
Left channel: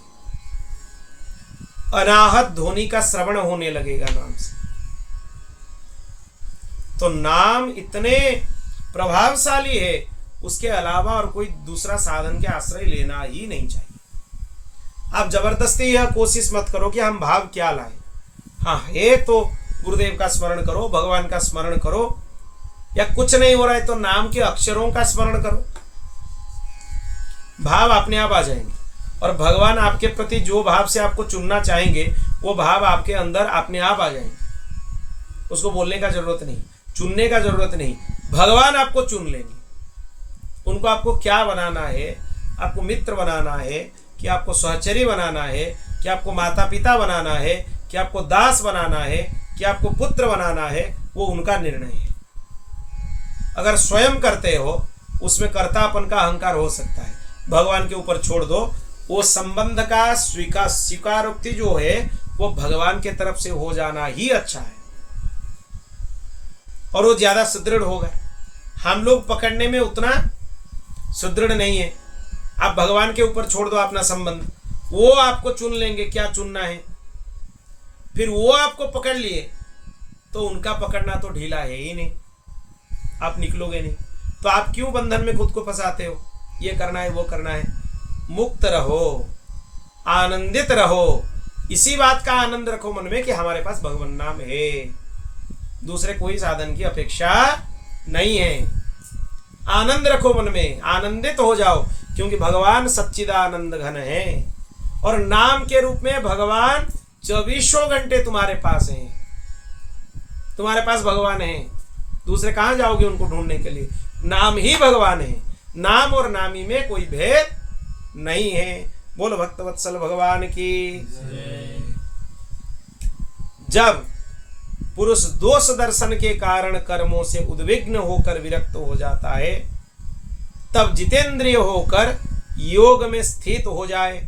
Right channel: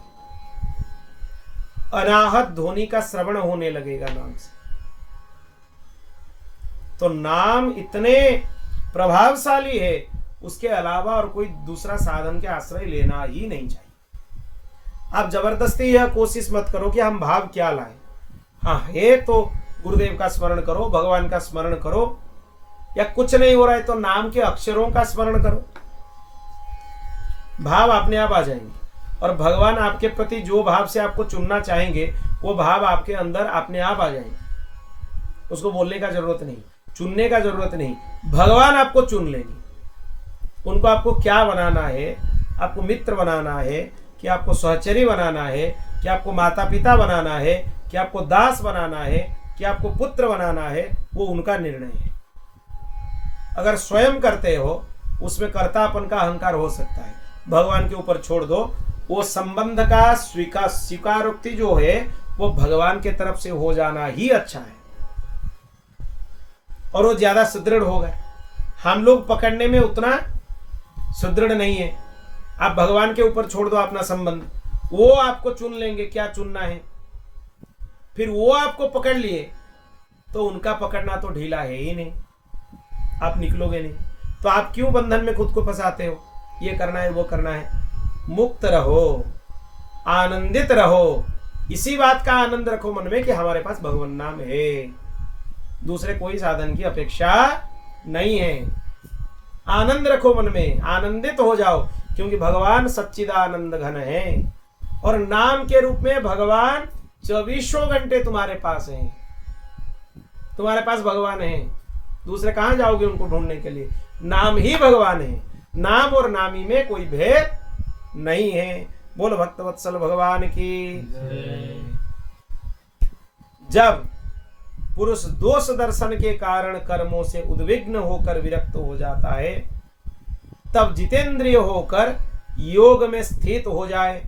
अनाहत ध्वनि का श्रवण होने लगेगा नाम से। तो नाम इतने प्रभावशाली है, उसके अलावा और कोई दूसरा साधन के आश्रय लेना ही नहीं चाहिए। आप जबरदस्ती यह कोशिश मत करो कि हम भाव क्या लाएं। हाँ है तो गुरुदेव का स्मरण करो, भगवान का स्मरण करो, या कुछ नहीं हो रहा है तो नाम के अक्षरों का स्मरण करो, भाव अपने आप आ जाएंगे। और भगवान आपके प्रति जो भाव से आपको चुनना चाहेंगे, वो भाव आपके अंदर अपने आप आ जाएंगे। उसको बोलने का जरूरत नहीं, चुनने का जरूरत नहीं, भगवान आपको चुन लेंगे। उनको आपको क्या बनाना है, आपको मित्र बनाना है कि आपको सहचरी बनाना है, कि आपको माता पिता बनाना है, कि आपको दास बनाना है, कि आपको पुत्र बनाना है, वो उनका निर्णय है। अगर स्वयं करते हो, उसमें कर्तापन का अहंकार हो सकता है, भगवान के ऊपर छोड़ दो। वो संबंध का स्वीकारोक्ति जो है, वो भगवान के तरफ से हो जाना ही अच्छा है, और वो ज्यादा सुदृढ़ होगा। हम लोग पकड़ने में उतना सुदृढ़ नहीं है। आप भगवान के ऊपर छोड़ दो अपना संबंध, वो आपको चुन लेंगे क्या चुनना है। फिर वो आपको पकड़ लिए तो उनका पकड़ना तो ढीला है ही नहीं, आप निकलोगे नहीं। तो आप क्यों बंधन में खुद को फंसाते हो? ये करना है, वो करना है। मुक्त रहो, आनंदित रहो, इसी बात का आनंद रखो मन में कि हमारे पास भगवान नाम है, दूसरे कोई साधन की अपेक्षा नहीं है। आनंद रखो मन में, आनंदित हो जाओ, क्योंकि भगवान सच्चिदानंद घन है, और नाम के रूप में भगवान 24 घंटे तुम्हारे पास हैं। तुम्हारे पास भगवान है, दूसरे कहां जाओगे उनको ढूंढने के लिए? नाम ही भगवान है, नाम और नामी में कोई भेद नहीं है। बोलो भक्तवत्सल भगवान की। जब पुरुष दोष दर्शन के कारण कर्मों से उद्विग्न होकर विरक्त हो जाता है, तब जितेंद्रिय होकर योग में स्थित हो जाए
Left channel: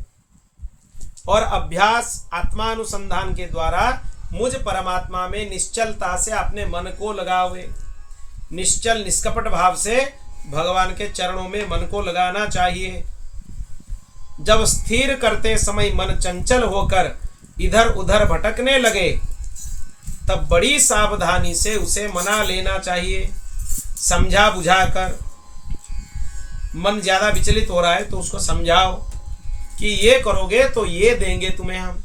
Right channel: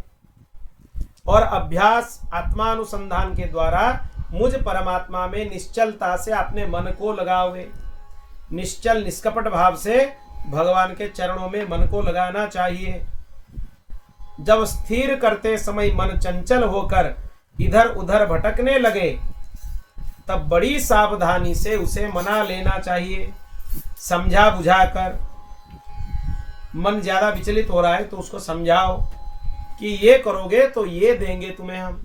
और अभ्यास आत्मानुसंधान के द्वारा मुझ परमात्मा में निश्चलता से अपने मन को लगावे। निश्चल निष्कपट भाव से भगवान के चरणों में मन को लगाना चाहिए। जब स्थिर करते समय मन चंचल होकर इधर उधर भटकने लगे, तब बड़ी सावधानी से उसे मना लेना चाहिए, समझा बुझाकर। मन ज्यादा विचलित हो रहा है तो उसको समझाओ कि ये करोगे तो ये देंगे तुम्हें हम।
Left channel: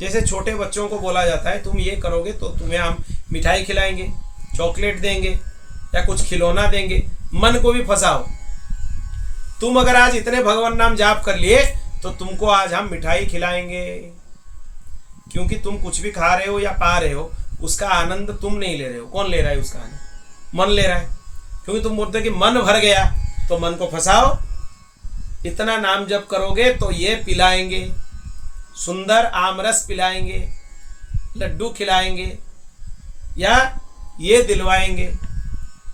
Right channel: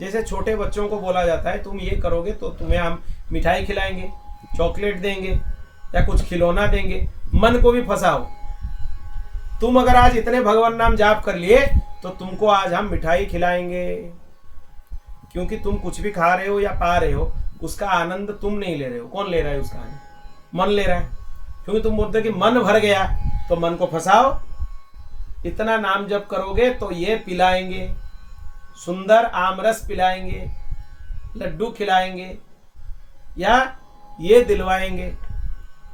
जैसे छोटे बच्चों को बोला जाता है तुम ये करोगे तो तुम्हें हम मिठाई खिलाएंगे, चॉकलेट देंगे या कुछ खिलौना देंगे। मन को भी फंसाओ, तुम अगर आज इतने भगवान नाम जाप कर लिए तो तुमको आज हम मिठाई खिलाएंगे। क्योंकि तुम कुछ भी खा रहे हो या पा रहे हो, उसका आनंद तुम नहीं ले रहे हो। कौन ले रहा है उसका आनंद? मन ले रहा है। क्योंकि तुम बोलते हो कि मन भर गया, तो मन को फंसाओ, इतना नाम जप करोगे तो ये पिलाएंगे, सुंदर आमरस पिलाएंगे, लड्डू खिलाएंगे या ये दिलवाएंगे।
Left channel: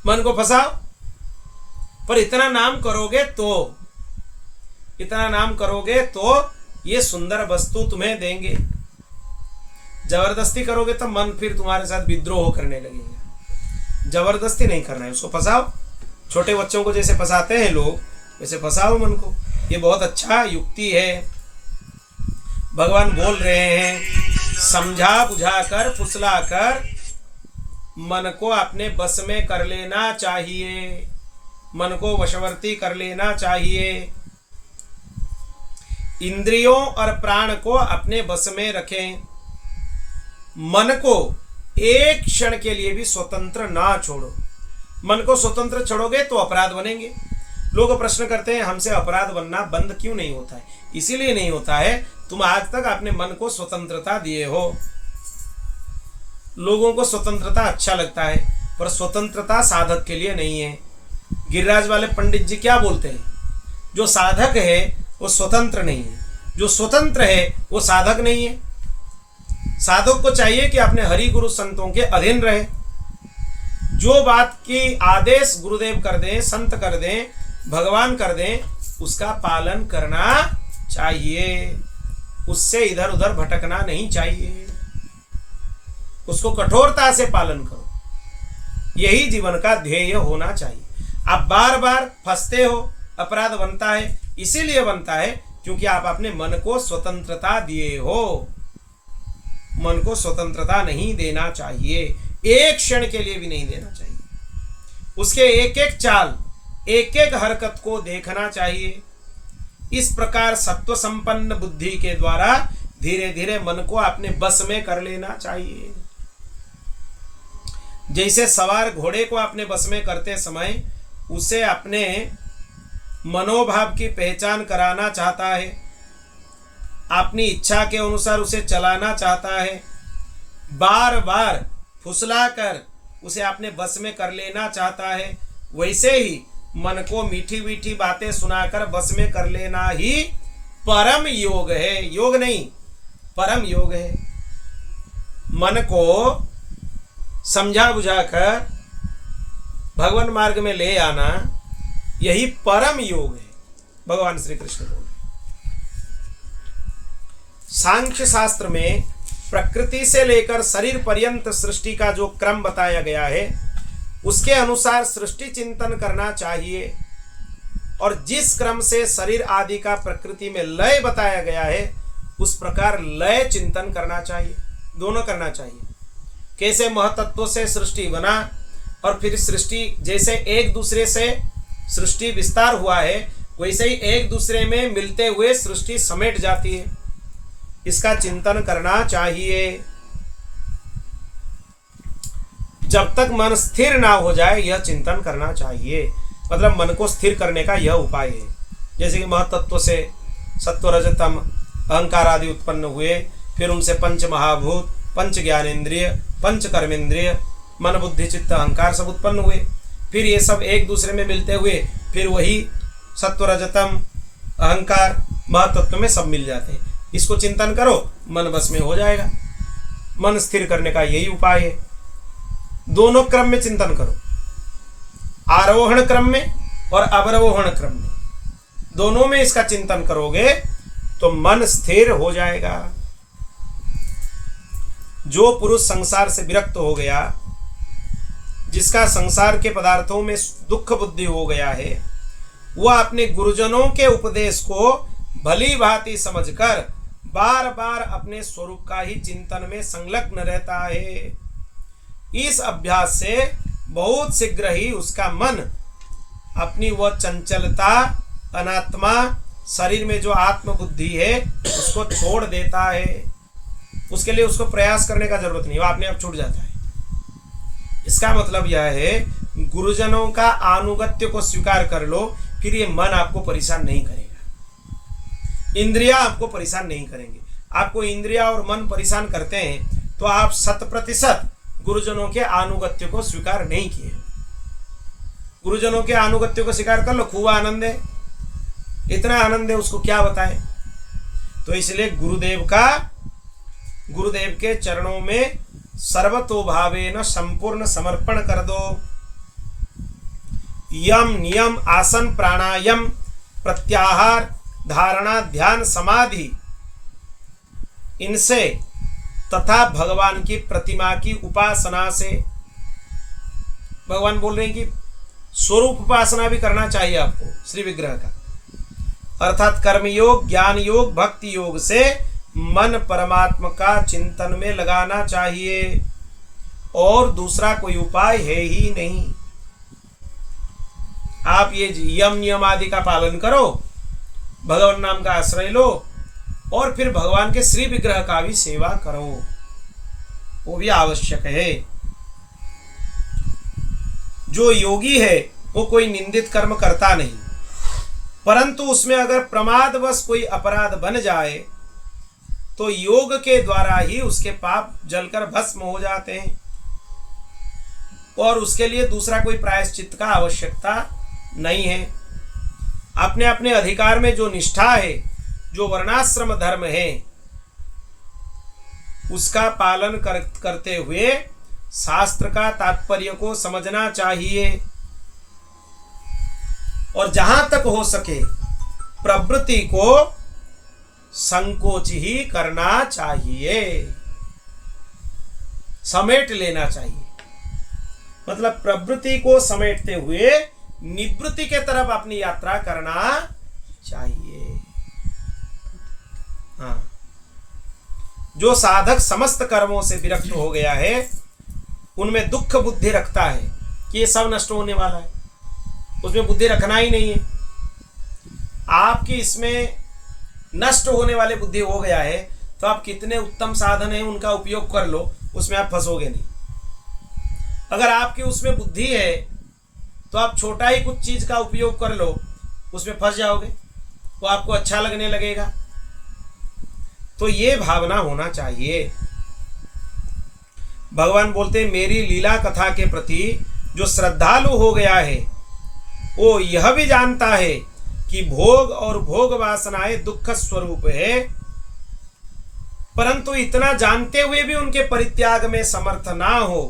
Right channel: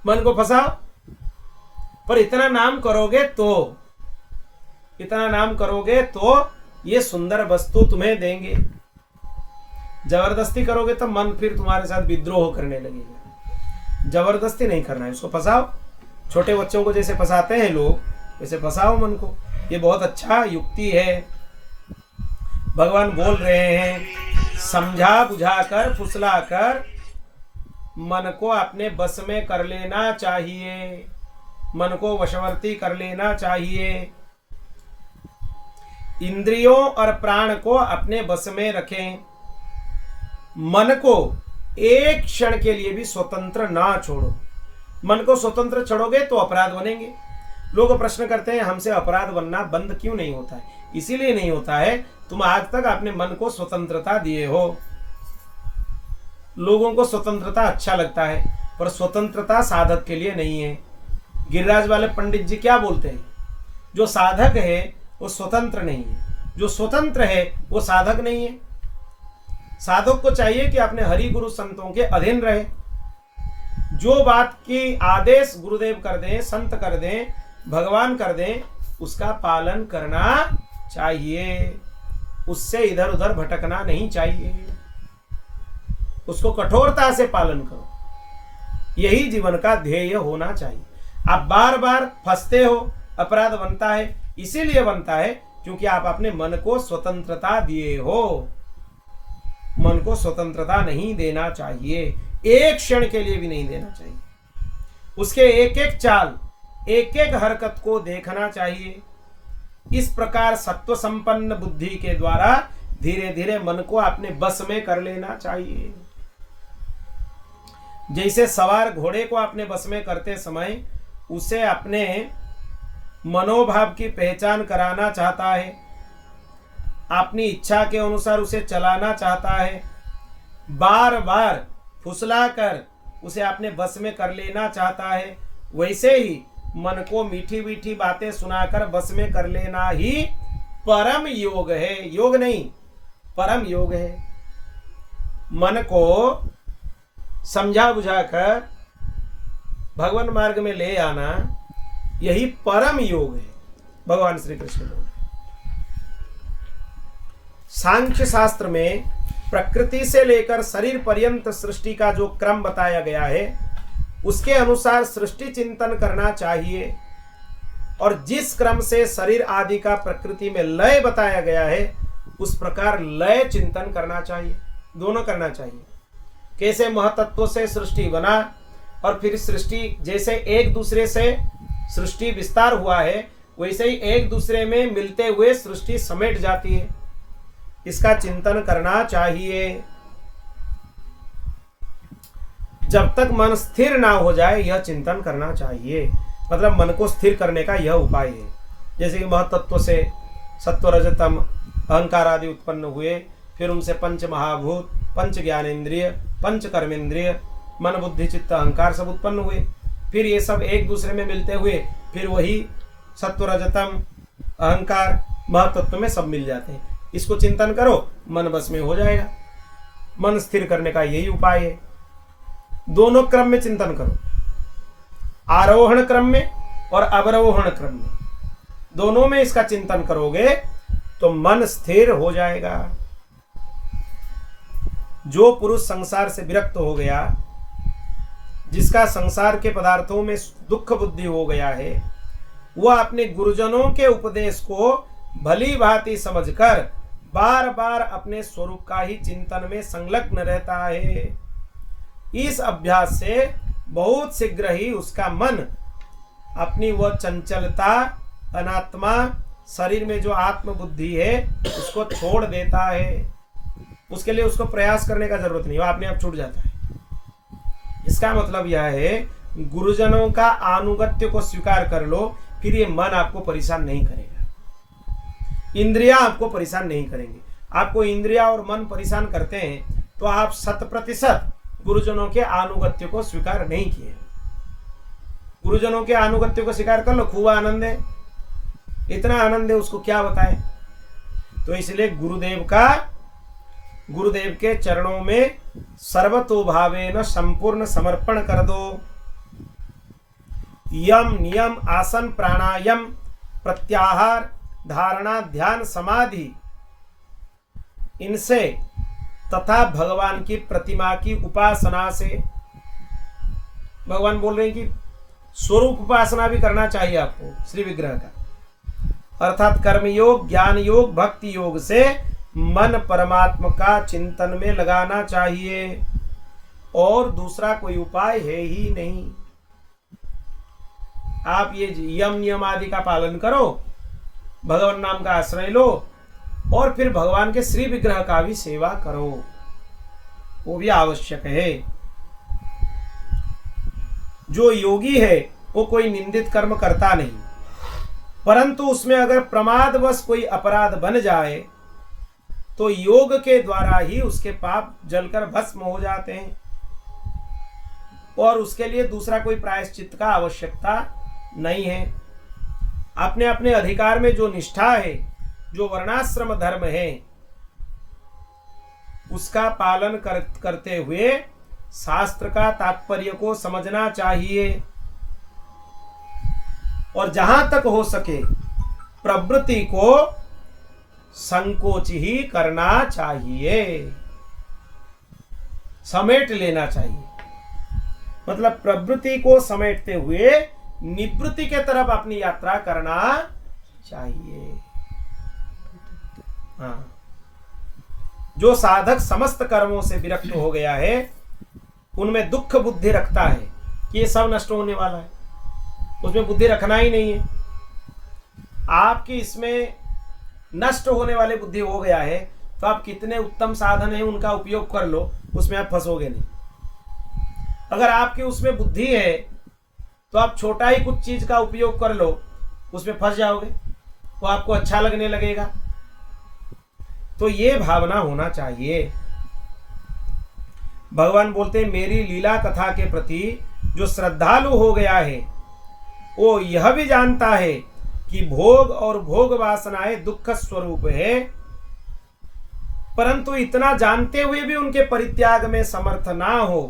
मन को फंसाओ। पर इतना नाम करोगे तो ये सुंदर वस्तु तुम्हें देंगे। जबरदस्ती करोगे तो मन फिर तुम्हारे साथ विद्रोह करने लगेगा। जबरदस्ती नहीं करना है, उसको फंसाओ। छोटे बच्चों को जैसे फंसाते हैं लोग, वैसे फंसाओ मन को। ये बहुत अच्छा युक्ति है। भगवान बोल रहे हैं, समझा बुझाकर फुसलाकर मन को अपने बस में कर लेना चाहिए। मन को वशवर्ती कर लेना चाहिए। इंद्रियों और प्राण को अपने बस में रखें। मन को एक क्षण के लिए भी स्वतंत्र ना छोड़ो। मन को स्वतंत्र छोड़ोगे तो अपराध बनेंगे। लोग प्रश्न करते हैं हमसे अपराध बनना बंद क्यों नहीं होता है? इसीलिए नहीं होता है, तुम आज तक अपने मन को स्वतंत्रता दिए हो। लोगों को स्वतंत्रता अच्छा लगता है, पर स्वतंत्रता साधक के लिए नहीं है। गिरिराज वाले पंडित जी क्या बोलते हैं? जो साधक है वो स्वतंत्र नहीं है, जो स्वतंत्र है वो साधक नहीं है। साधक को चाहिए कि अपने हरि गुरु संतों के अधीन रहे। जो बात की आदेश गुरुदेव कर दें, संत कर दें, भगवान कर दें, उसका पालन करना चाहिए। उससे इधर उधर भटकना नहीं चाहिए। उसको कठोरता से पालन करो। यही जीवन का ध्येय होना चाहिए। आप बार बार फंसते हो, अपराध बनता है, इसीलिए बनता है क्योंकि आप अपने मन को स्वतंत्रता दिए हो। मन को स्वतंत्रता नहीं देना चाहिए, एक क्षण के लिए भी नहीं देना चाहिए। उसके एक एक चाल, एक एक हरकत को देखना चाहिए। इस प्रकार सत्व संपन्न बुद्धि के द्वारा धीरे धीरे मन को अपने बस में कर लेना चाहिए। जैसे सवार घोड़े को अपने बस में करते समय उसे अपने मनोभाव की पहचान कराना चाहता है, अपनी इच्छा के अनुसार उसे चलाना चाहता है, बार बार फुसलाकर उसे अपने बस में कर लेना चाहता है, वैसे ही मन को मीठी मीठी बातें सुनाकर बस में कर लेना ही परम योग है। योग नहीं, परम योग है। मन को समझा बुझाकर भगवान मार्ग में ले आना, यही परम योग है। भगवान श्री कृष्ण बोले। सांख्य शास्त्र में प्रकृति से लेकर शरीर पर्यंत सृष्टि का जो क्रम बताया गया है, उसके अनुसार सृष्टि चिंतन करना चाहिए। और जिस क्रम से शरीर आदि का प्रकृति में लय बताया गया है, उस प्रकार लय चिंतन करना चाहिए। दोनों करना चाहिए। कैसे महतत्व से सृष्टि बना और फिर सृष्टि जैसे एक दूसरे से सृष्टि विस्तार हुआ है, वैसे ही एक दूसरे में मिलते हुए सृष्टि समेट जाती है। इसका चिंतन करना चाहिए। जब तक मन स्थिर ना हो जाए यह चिंतन करना चाहिए। मतलब मन को स्थिर करने का यह उपाय है। जैसे कि महतत्व से सत्व रजतम अहंकार आदि उत्पन्न हुए, फिर उनसे पंच महाभूत, पंच ज्ञानेन्द्रिय, पंच कर्मेंद्रिय, मन बुद्धि चित्त अहंकार सब उत्पन्न हुए। फिर ये सब एक दूसरे में मिलते हुए फिर वही सत्व रजतम अहंकार महतत्व में सब मिल जाते हैं। इसको चिंतन करो, मन बस में हो जाएगा। मन स्थिर करने का यही उपाय है। दोनों क्रम में चिंतन करो, आरोहण क्रम में और अवरोहण क्रम में, दोनों में इसका चिंतन करोगे तो मन स्थिर हो जाएगा। जो पुरुष संसार से विरक्त हो गया, जिसका संसार के पदार्थों में दुख बुद्धि हो गया है, वह अपने गुरुजनों के उपदेश को भली भांति समझकर बार बार अपने स्वरूप का ही चिंतन में संलग्न रहता है। इस अभ्यास से बहुत शीघ्र ही उसका मन अपनी वह चंचलता, अनात्मा, शरीर में जो आत्म बुद्धि है उसको छोड़ देता है। उसके लिए उसको प्रयास करने का जरूरत नहीं, वो अपने आप छूट जाता है। इसका मतलब यह है, गुरुजनों का आनुगत्य को स्वीकार कर लो, फिर ये मन आपको परेशान नहीं करेगा, इंद्रियां आपको परेशान नहीं करेंगे। आपको इंद्रिया और मन परेशान करते हैं तो आप 100% गुरुजनों के आनुगत्य को स्वीकार नहीं किए। गुरुजनों के आनुगत्य को स्वीकार कर लो, खूब आनंद है, इतना आनंद है उसको क्या बताएं। तो इसलिए गुरुदेव के चरणों में सर्वतोभावेन संपूर्ण समर्पण कर दो। यम नियम आसन प्राणायाम प्रत्याहार धारणा ध्यान समाधि, इनसे तथा भगवान की प्रतिमा की उपासना से, भगवान बोल रहे हैं कि स्वरूप उपासना भी करना चाहिए आपको श्री विग्रह का, अर्थात कर्मयोग, ज्ञान योग, भक्ति योग से मन परमात्मा का चिंतन में लगाना चाहिए। और दूसरा कोई उपाय है ही नहीं। आप ये यम नियम आदि का पालन करो, भगवान नाम का आश्रय लो और फिर भगवान के श्री विग्रह का भी सेवा करो, वो भी आवश्यक है। जो योगी है वो कोई निंदित कर्म करता नहीं, परंतु उसमें अगर प्रमादवश कोई अपराध बन जाए तो योग के द्वारा ही उसके पाप जलकर भस्म हो जाते हैं और उसके लिए दूसरा कोई प्रायश्चित का आवश्यकता नहीं है। अपने अपने अधिकार में जो निष्ठा है, जो वर्णाश्रम धर्म है, उसका पालन करते हुए शास्त्र का तात्पर्य को समझना चाहिए और जहां तक हो सके प्रवृत्ति को संकोच ही करना चाहिए, समेट लेना चाहिए। मतलब प्रवृत्ति को समेटते हुए निवृत्ति के तरफ अपनी यात्रा करना चाहिए। हाँ, जो साधक समस्त कर्मों से विरक्त हो गया है उनमें दुख बुद्धि रखता है कि ये सब नष्ट होने वाला है, उसमें बुद्धि रखना ही नहीं है। आपकी इसमें नष्ट होने वाले बुद्धि हो गया है तो आप कितने उत्तम साधन हैं उनका उपयोग कर लो, उसमें आप फंसोगे नहीं। अगर आपकी उसमें बुद्धि है तो आप छोटा ही कुछ चीज का उपयोग कर लो, उसमें फंस जाओगे, वो आपको अच्छा लगने लगेगा। तो ये भावना होना चाहिए। भगवान बोलते हैं मेरी लीला कथा के प्रति जो श्रद्धालु हो गया है वो यह भी जानता है कि भोग और भोग वासनाएं दुख स्वरूप है, परंतु इतना जानते हुए भी उनके परित्याग में समर्थ ना हो,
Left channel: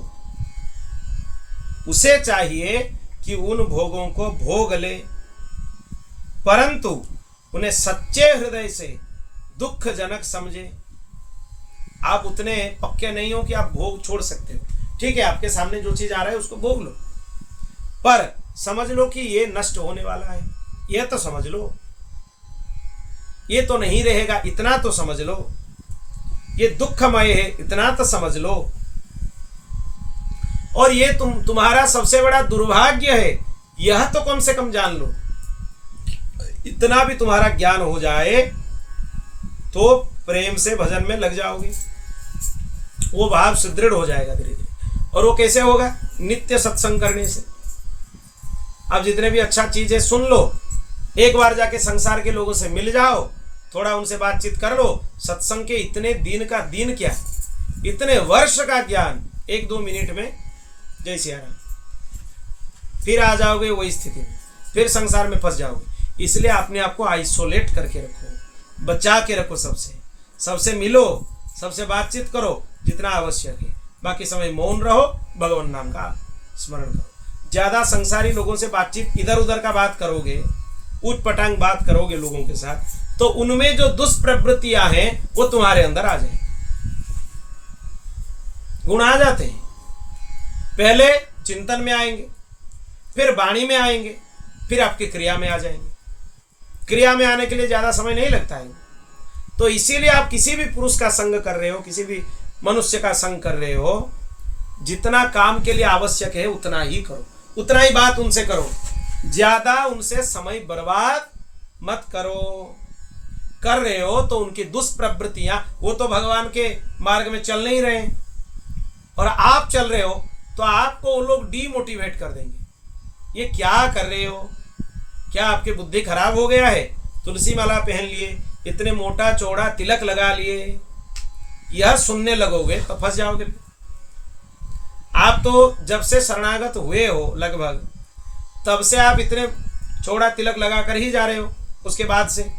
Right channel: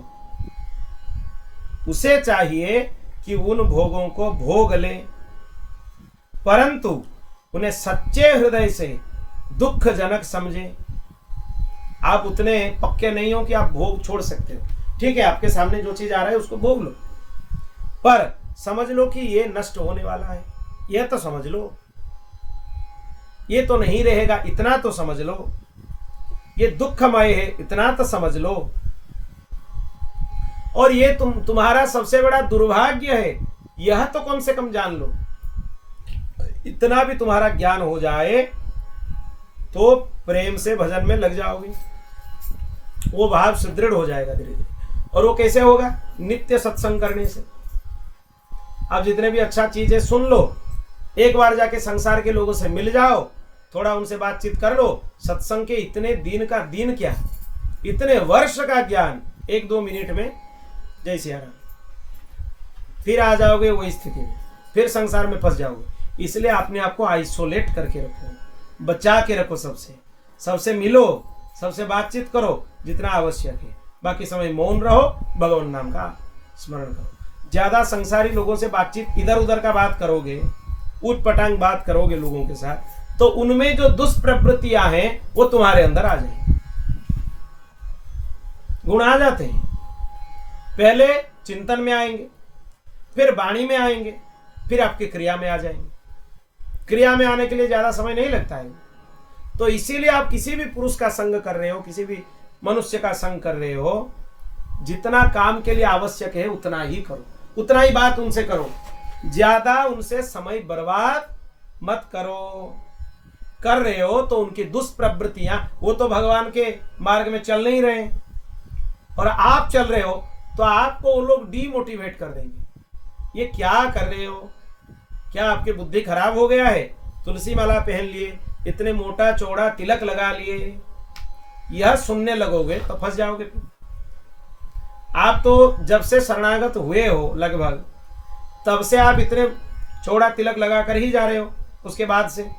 उसे चाहिए कि उन भोगों को भोग ले, परंतु उन्हें सच्चे हृदय से दुखजनक समझे। आप उतने पक्के नहीं हो कि आप भोग छोड़ सकते हो, ठीक है, आपके सामने जो चीज आ रहा है उसको भोग लो, पर समझ लो कि ये नष्ट होने वाला है, यह तो समझ लो, ये तो नहीं रहेगा, इतना तो समझ लो, ये दुखमय है, इतना तो समझ लो। और ये तुम्हारा सबसे बड़ा दुर्भाग्य है, यह तो कम से कम जान लो। इतना भी तुम्हारा ज्ञान हो जाए तो प्रेम से भजन में लग जाओगे, वो भाव सुदृढ़ हो जाएगा धीरे धीरे। और वो कैसे होगा? नित्य सत्संग करने से। अब जितने भी अच्छा चीज है सुन लो, एक बार जाके संसार के लोगों से मिल जाओ, थोड़ा उनसे बातचीत कर लो, सत्संग के इतने दिन का दिन क्या, इतने वर्ष का ज्ञान 1-2 मिनट में जय सिया राम, फिर आ जाओगे वही स्थिति में, फिर संसार में फंस जाओगे। इसलिए अपने आप को आइसोलेट करके रखो, बचा के रखो, सबसे मिलो, सबसे बातचीत करो जितना आवश्यक है, बाकी समय मौन रहो, भगवान नाम का स्मरण करो। ज्यादा संसारी लोगों से बातचीत, इधर उधर का बात करोगे, उठ पटांग बात करोगे लोगों के साथ, तो उनमें जो दुष्प्रवृत्तियां हैं वो तुम्हारे अंदर आ जाएंगी। गुण आ जाते हैं, पहले चिंतन में आएंगे, फिर वाणी में आएंगे, फिर आपकी क्रिया में आ जाएंगे। क्रिया में आने के लिए ज्यादा समय नहीं लगता है। तो इसीलिए आप किसी भी पुरुष का संग कर रहे हो, किसी भी मनुष्य का संग कर रहे हो, जितना काम के लिए आवश्यक है उतना ही करो, उतना ही बात उनसे करो, ज्यादा उनसे समय बर्बाद मत करो। कर रहे हो तो उनकी दुष्प्रवृत्तियां, वो तो भगवान के मार्ग में चल नहीं रहे और आप चल रहे हो, तो आपको वो लोग डीमोटिवेट कर देंगे। ये क्या कर रहे हो? क्या आपकी बुद्धि खराब हो गया है? तुलसी माला पहन लिए, इतने मोटा चौड़ा तिलक लगा लिए, यह सुनने लगोगे तो फंस जाओगे। आप तो जब से शरणागत हुए हो लगभग, तब से आप इतने चौड़ा तिलक लगा कर ही जा रहे हो। उसके बाद से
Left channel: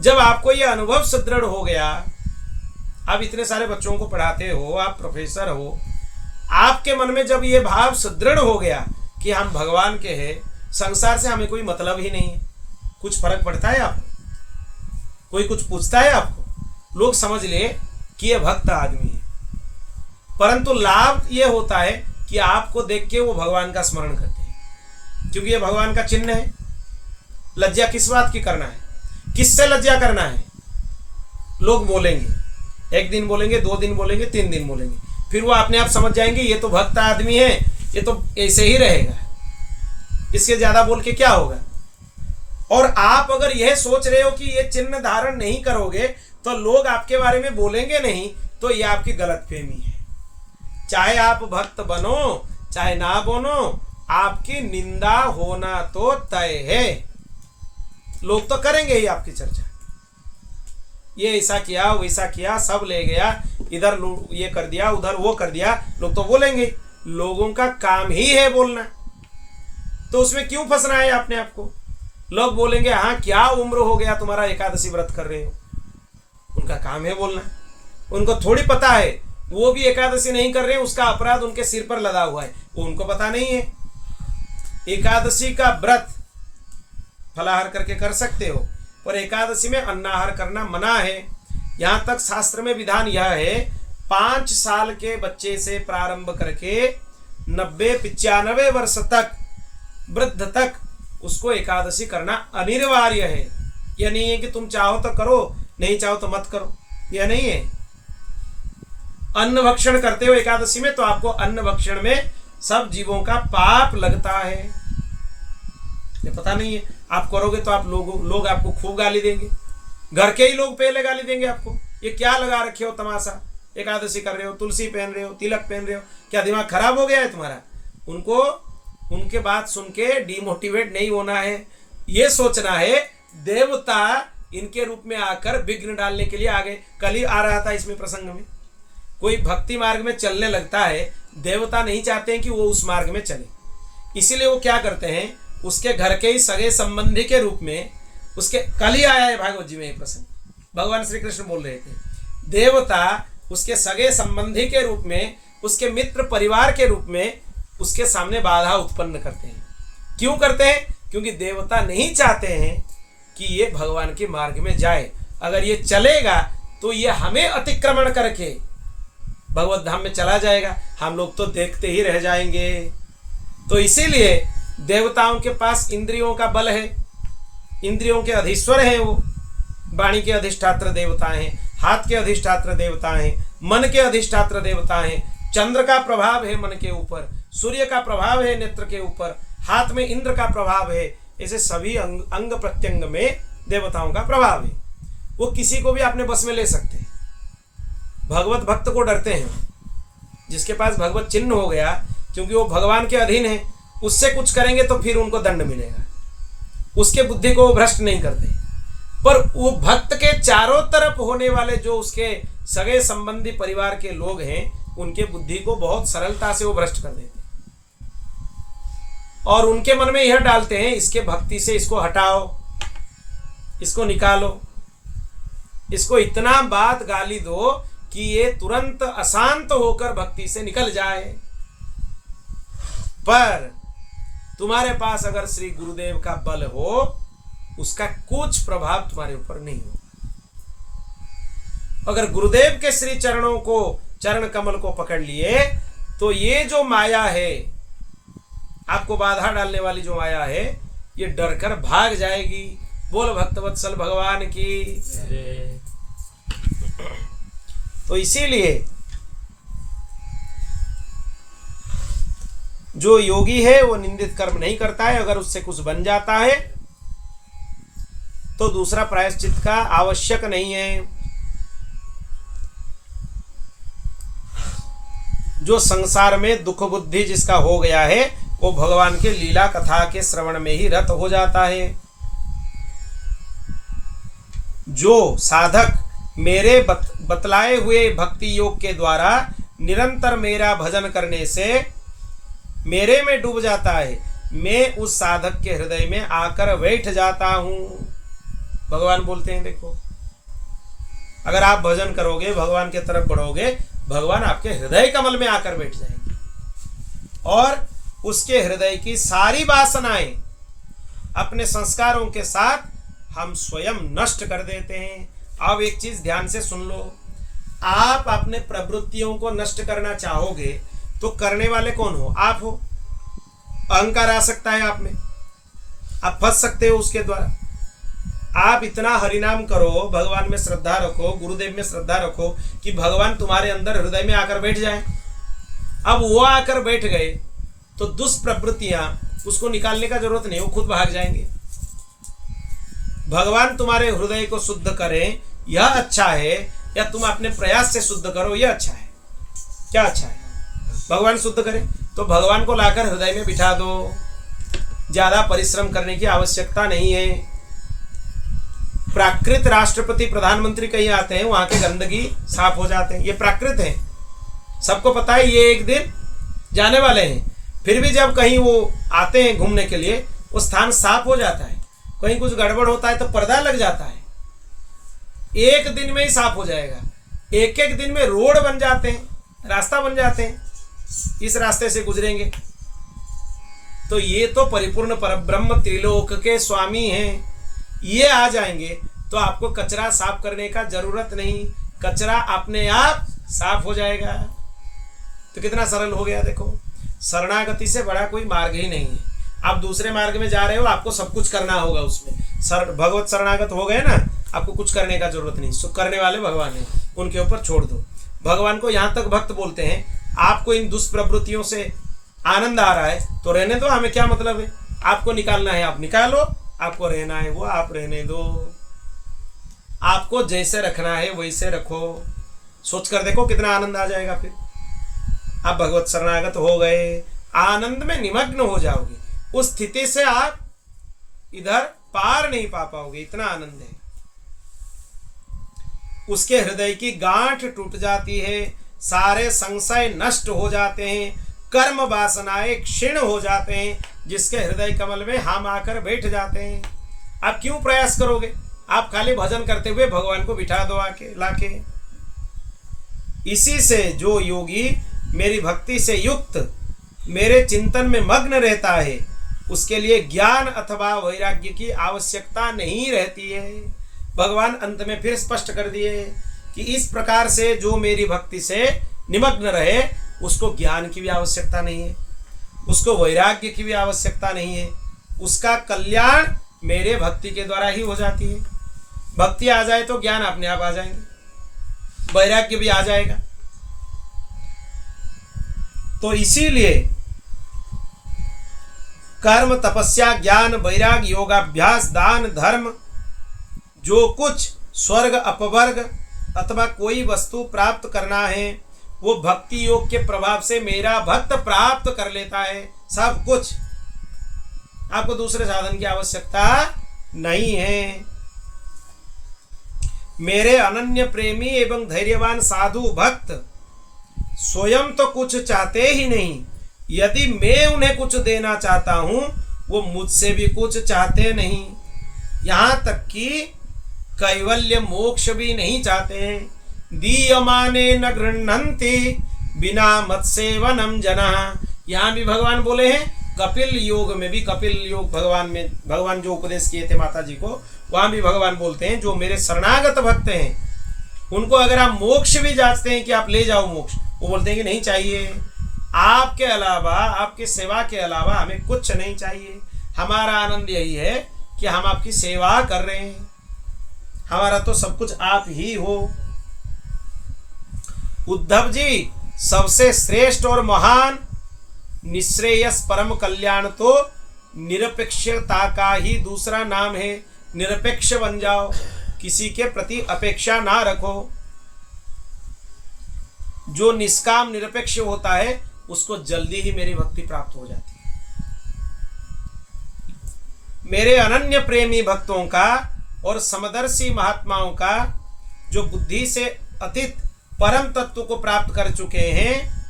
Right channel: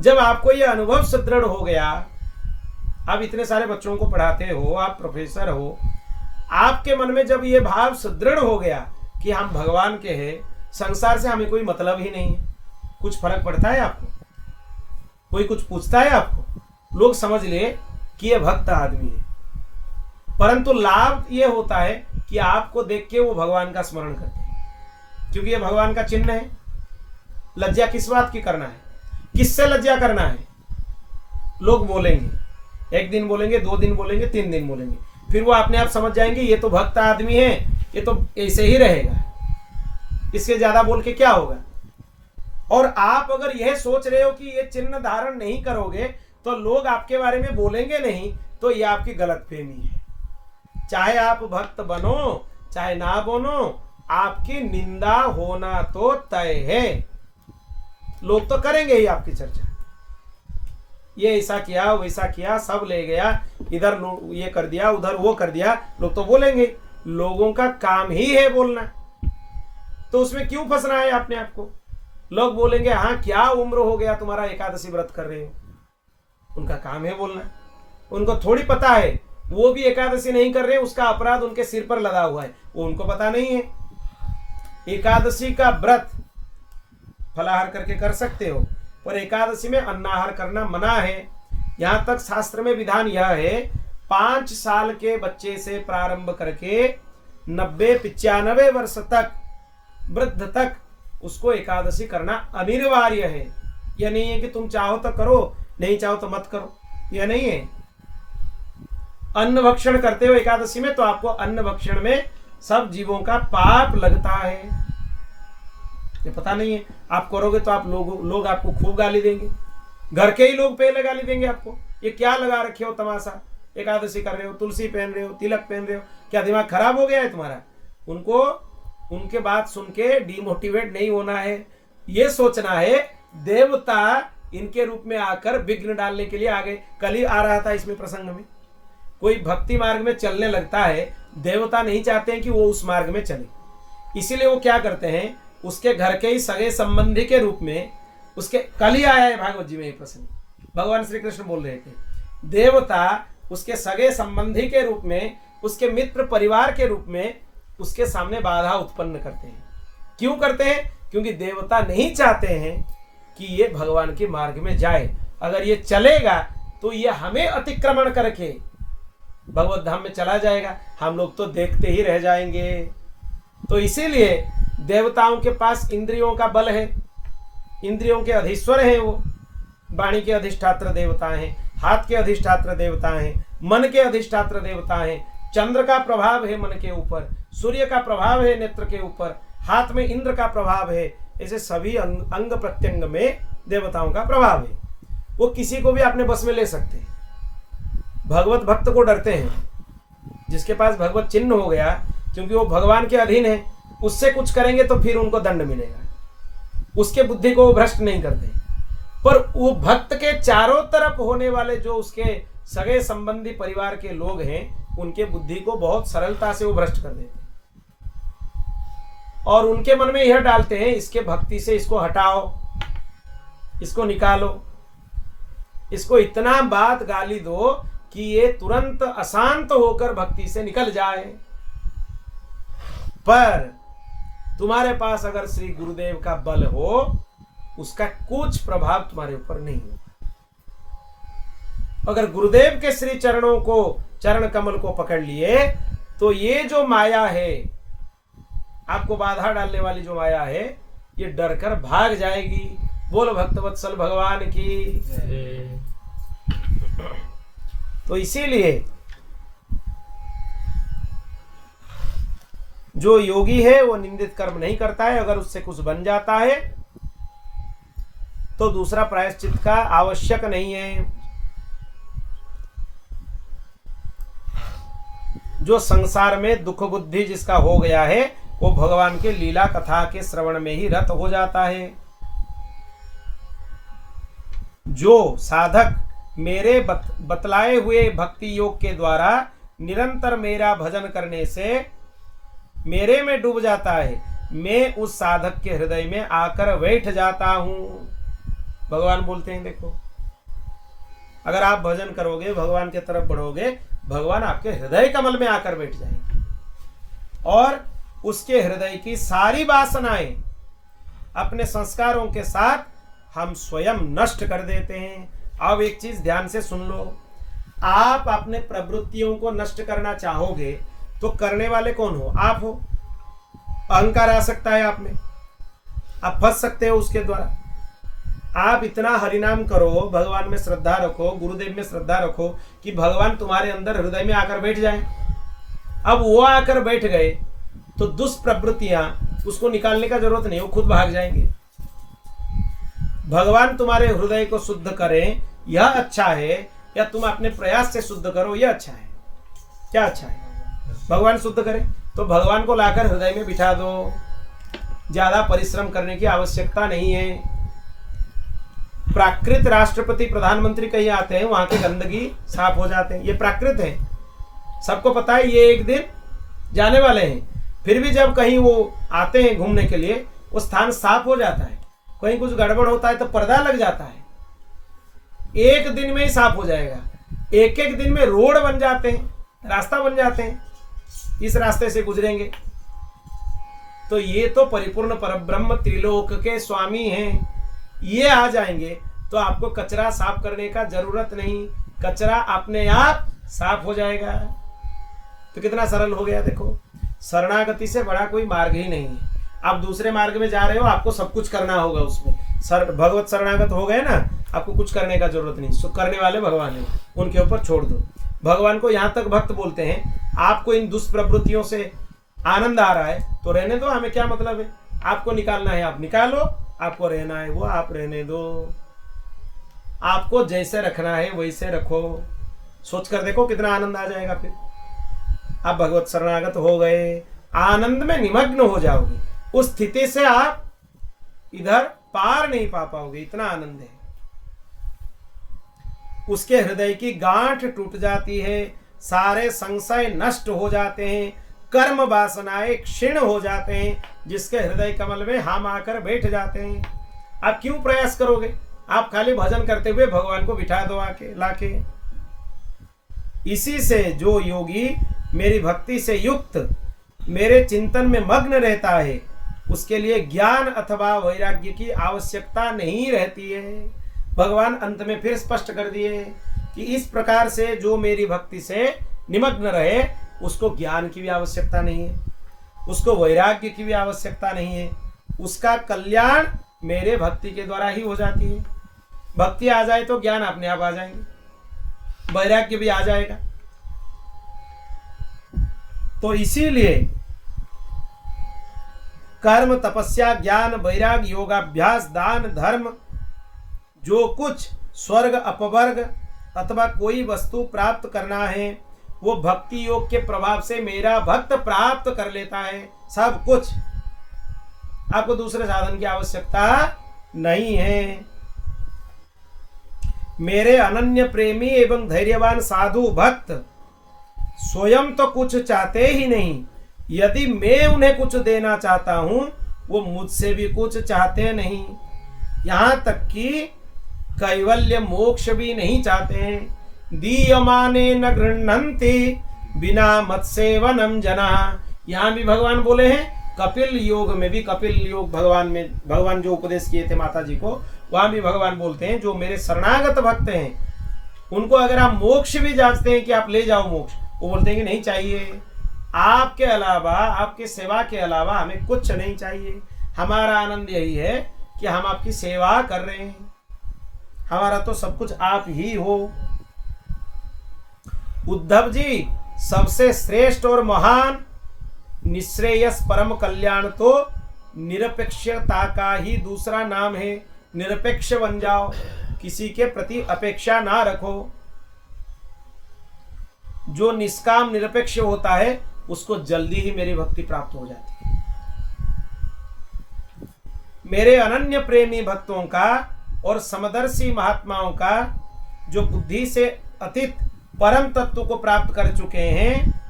जब आपको यह अनुभव सुदृढ़ हो गया, आप इतने सारे बच्चों को पढ़ाते हो, आप प्रोफेसर हो, आपके मन में जब ये भाव सुदृढ़ हो गया कि हम भगवान के हैं, संसार से हमें कोई मतलब ही नहीं है, कुछ फर्क पड़ता है आपको? कोई कुछ पूछता है आपको? लोग समझ ले कि ये भक्त आदमी है, परंतु लाभ ये होता है कि आपको देख के वो भगवान का स्मरण करते हैं, क्योंकि ये भगवान का चिन्ह है। लज्जा किस बात की करना है? किससे लज्जा करना है? लोग बोलेंगे, 1 दिन बोलेंगे, 2 दिन बोलेंगे, 3 दिन बोलेंगे, फिर वो अपने आप समझ जाएंगे ये तो भक्त आदमी है, ये तो ऐसे ही रहेगा। इसके ज्यादा बोल के क्या होगा। और आप अगर यह सोच रहे हो कि ये चिन्ह धारण नहीं करोगे तो लोग आपके बारे में बोलेंगे नहीं, तो ये आपकी गलतफहमी है। चाहे आप भक्त बनो चाहे ना बनो, आपकी निंदा होना तो तय है। लोग तो करेंगे ही आपकी चर्चा, ये ऐसा किया वैसा किया, सब ले गया, इधर ये कर दिया उधर वो कर दिया, लोग तो बोलेंगे। लोगों का काम ही है बोलना, तो उसमें क्यों फंसना है अपने आप को। लोग बोलेंगे हाँ क्या उम्र हो गया तुम्हारा एकादशी व्रत कर रहे हो, उनका काम है बोलना। उनको थोड़ी पता है वो भी एकादशी नहीं कर रहे, उसका अपराध उनके सिर पर लदा हुआ है, वो उनको पता नहीं है। एकादशी का व्रत फलाहार करके कर सकते हो, पर एकादशी में अन्नाहार करना मना है। यहां तक शास्त्र में विधान यह है 5 साल के बच्चे से प्रारंभ करके 90-95 वर्ष तक वृद्ध तक उसको एकादशी करना अनिवार्य है। यह नहीं है कि तुम चाहो तो करो, नहीं चाहो तो मत करो, यह नहीं है। अन्न भक्षण करते हो एकादशी में तो आपको अन्न भक्षण में सब जीवों का पाप लगता है, ये पता नहीं है। आप करोगे तो आप लोग आपको खूब गाली देंगे, घर के ही लोग पहले गाली देंगे आपको, ये क्या लगा रखे हो तमाशा, एकादशी कर रहे हो, तुलसी पहन रहे हो, तिलक पहन रहे हो, क्या दिमाग खराब हो गया है तुम्हारा। उनको उनके बात सुन के डिमोटिवेट नहीं होना है, ये सोचना है देवता इनके रूप में आकर विघ्न डालने के लिए आ गए। कल ही आ रहा था इसमें प्रसंग में, कोई भक्ति मार्ग में चलने लगता है, देवता नहीं चाहते हैं कि वो उस मार्ग में चले, इसीलिए वो क्या करते हैं उसके घर के ही सगे संबंधी के रूप में उसके, कल ही आया है भागवत जी में ये प्रसंग, भगवान श्री कृष्ण बोल रहे थे, देवता उसके सगे संबंधी के रूप में, उसके मित्र परिवार के रूप में उसके सामने बाधा उत्पन्न करते हैं। क्यों करते हैं? क्योंकि देवता नहीं चाहते हैं कि ये भगवान के मार्ग में जाए। अगर ये चलेगा तो ये हमें अतिक्रमण करके भगवत धाम में चला जाएगा, हम लोग तो देखते ही रह जाएंगे। तो इसीलिए देवताओं के पास इंद्रियों का बल है, इंद्रियों के अधीश्वर हैं वो, वाणी के अधिष्ठात्र देवता हैं, हाथ के अधिष्ठात्र देवता हैं, मन के अधिष्ठात्र देवता हैं, चंद्र का प्रभाव है मन के ऊपर, सूर्य का प्रभाव है नेत्र के ऊपर, हाथ में इंद्र का प्रभाव है, ऐसे सभी अंग प्रत्यंग में देवताओं का प्रभाव है। वो किसी को भी अपने बस में ले सकते हैं। भगवत भक्त को डरते हैं, जिसके पास भगवत चिन्ह हो गया, क्योंकि वो भगवान के अधीन है, उससे कुछ करेंगे तो फिर उनको दंड मिलेगा, उसके बुद्धि को वो भ्रष्ट नहीं करते। पर वो भक्त के चारों तरफ होने वाले जो उसके सगे संबंधी परिवार के लोग हैं, उनके बुद्धि को बहुत सरलता से वो भ्रष्ट कर देते हैं और उनके मन में यह डालते हैं इसके भक्ति से इसको हटाओ, इसको निकालो, इसको इतना बात गाली दो कि ये तुरंत अशांत होकर भक्ति से निकल जाए। पर तुम्हारे पास अगर श्री गुरुदेव का बल हो, उसका कुछ प्रभाव तुम्हारे ऊपर नहीं होगा। अगर गुरुदेव के श्री चरणों को, चरण कमल को पकड़ लिए तो ये जो माया है, आपको बाधा डालने वाली जो माया है, ये डरकर भाग जाएगी। बोल भक्तवत्सल भगवान की। तो इसीलिए जो योगी है वो निंदित कर्म नहीं करता है, अगर उससे कुछ बन जाता है तो दूसरा प्रायश्चित का आवश्यक नहीं है। जो संसार में दुख बुद्धि जिसका हो गया है, वो भगवान के लीला कथा के श्रवण में ही रत हो जाता है। जो साधक मेरे बतलाए हुए भक्ति योग के द्वारा निरंतर मेरा भजन करने से मेरे में डूब जाता है, मैं उस साधक के हृदय में आकर बैठ जाता हूं। भगवान बोलते हैं, देखो अगर आप भजन करोगे, भगवान के तरफ बढ़ोगे, भगवान आपके हृदय कमल में आकर बैठ जाएंगे और उसके हृदय की सारी वासनाएं अपने संस्कारों के साथ हम स्वयं नष्ट कर देते हैं। अब एक चीज ध्यान से सुन लो, आप अपने प्रवृत्तियों को नष्ट करना चाहोगे तो करने वाले कौन हो? आप हो। अहंकार आ सकता है आप में, आप फंस सकते हो उसके द्वारा। आप इतना हरिनाम करो, भगवान में श्रद्धा रखो, गुरुदेव में श्रद्धा रखो कि भगवान तुम्हारे अंदर हृदय में आकर बैठ जाए। अब वो आकर बैठ गए तो दुष्प्रवृत्तियां उसको निकालने का जरूरत नहीं, वो खुद भाग जाएंगे। भगवान तुम्हारे हृदय को शुद्ध करें यह अच्छा है, या तुम अपने प्रयास से शुद्ध करो यह अच्छा है? क्या अच्छा है? भगवान शुद्ध करें तो भगवान को लाकर हृदय में बिठा दो, ज्यादा परिश्रम करने की आवश्यकता नहीं है। प्राकृत राष्ट्रपति प्रधानमंत्री कहीं आते हैं, वहां के गंदगी साफ हो जाते हैं, ये प्राकृत है, सबको पता है, ये एक दिन जाने वाले हैं। फिर भी जब कहीं वो आते हैं घूमने के लिए, वो स्थान साफ हो जाता है। कहीं कुछ गड़बड़ होता है तो पर्दा लग जाता है, एक दिन में ही साफ हो जाएगा। एक एक दिन में रोड बन जाते हैं, रास्ता बन जाते हैं, इस रास्ते से गुजरेंगे। तो ये तो परिपूर्ण परब्रह्म त्रिलोक के स्वामी हैं, ये आ जाएंगे तो आपको कचरा साफ करने का जरूरत नहीं, कचरा अपने आप साफ हो जाएगा। तो कितना सरल हो गया देखो। शरणागति से बड़ा कोई मार्ग ही नहीं है। आप दूसरे मार्ग में जा रहे हो, आपको सब कुछ करना होगा उसमें। भगवत शरणागत हो गए ना, आपको कुछ करने का जरूरत नहीं, सुख करने वाले भगवान है, उनके ऊपर छोड़ दो। भगवान को यहाँ तक भक्त बोलते हैं, आपको इन दुष्प्रवृत्तियों से आनंद आ रहा है तो रहने दो, हमें क्या मतलब है। आपको निकालना है आप निकालो, आपको रहना है वो आप रहने दो, आपको जैसे रखना है वैसे रखो। सोच कर देखो कितना आनंद आ जाएगा। फिर आप भगवत शरणागत हो गए, आनंद में निमग्न हो जाओगे, उस स्थिति से आप इधर पार नहीं पा पाओगे, इतना आनंद है। उसके हृदय की गांठ टूट जाती है, सारे संशय नष्ट हो जाते हैं, कर्म वासनाएं क्षीण हो जाते हैं, जिसके हृदय कमल में हम आकर बैठ जाते हैं। आप क्यों प्रयास करोगे? आप खाली भजन करते हुए भगवान को बिठा दो आके लाके। इसी से जो योगी मेरी भक्ति से युक्त मेरे चिंतन में मग्न रहता है, उसके लिए ज्ञान अथवा वैराग्य की आवश्यकता नहीं रहती है। भगवान अंत में फिर स्पष्ट कर दिए कि इस प्रकार से जो मेरी भक्ति से निमग्न रहे, उसको ज्ञान की भी आवश्यकता नहीं है, उसको वैराग्य की भी आवश्यकता नहीं है, उसका कल्याण मेरे भक्ति के द्वारा ही हो जाती है। भक्ति आ जाए तो ज्ञान अपने आप आ जाएंगे, वैराग्य भी आ जाएगा। तो इसीलिए कर्म तपस्या ज्ञान वैराग्य योगाभ्यास दान धर्म, जो कुछ स्वर्ग अपवर्ग अथवा कोई वस्तु प्राप्त करना है, वो भक्ति योग के प्रभाव से मेरा भक्त प्राप्त कर लेता है। सब कुछ, आपको दूसरे साधन की आवश्यकता नहीं है। मेरे अनन्य प्रेमी एवं धैर्यवान साधु भक्त स्वयं तो कुछ चाहते ही नहीं, यदि मैं उन्हें कुछ देना चाहता हूं, वो मुझसे भी कुछ चाहते नहीं, यहाँ तक कि कैवल्य मोक्ष भी नहीं चाहते हैं। दीयमाने न गृह्णन्ति बिना मत सेवनम जना। यहाँ भी भगवान बोले हैं, कपिल योग में भी, कपिल योग भगवान जो उपदेश किए थे माता जी को, वहां भी भगवान बोलते हैं जो मेरे शरणागत भक्त हैं, उनको अगर आप मोक्ष भी जांचते हैं कि आप ले जाओ मोक्ष, वो बोलते हैं कि नहीं चाहिए, आपके अलावा, आपकी सेवा के अलावा हमें कुछ नहीं चाहिए। हमारा आनंद यही है कि हम आपकी सेवा कर रहे हैं, हमारा तो सब कुछ आप ही हो। उद्धव जी, सबसे श्रेष्ठ और महान निश्रेयस परम कल्याण तो निरपेक्षता का ही दूसरा नाम है। निरपेक्ष बन जाओ, किसी के प्रति अपेक्षा ना रखो। जो निष्काम निरपेक्ष होता है, उसको जल्दी ही मेरी भक्ति प्राप्त हो जाती है। मेरे अनन्य प्रेमी भक्तों का और समदर्शी महात्माओं का, जो बुद्धि से अतीत परम तत्व को प्राप्त कर चुके हैं,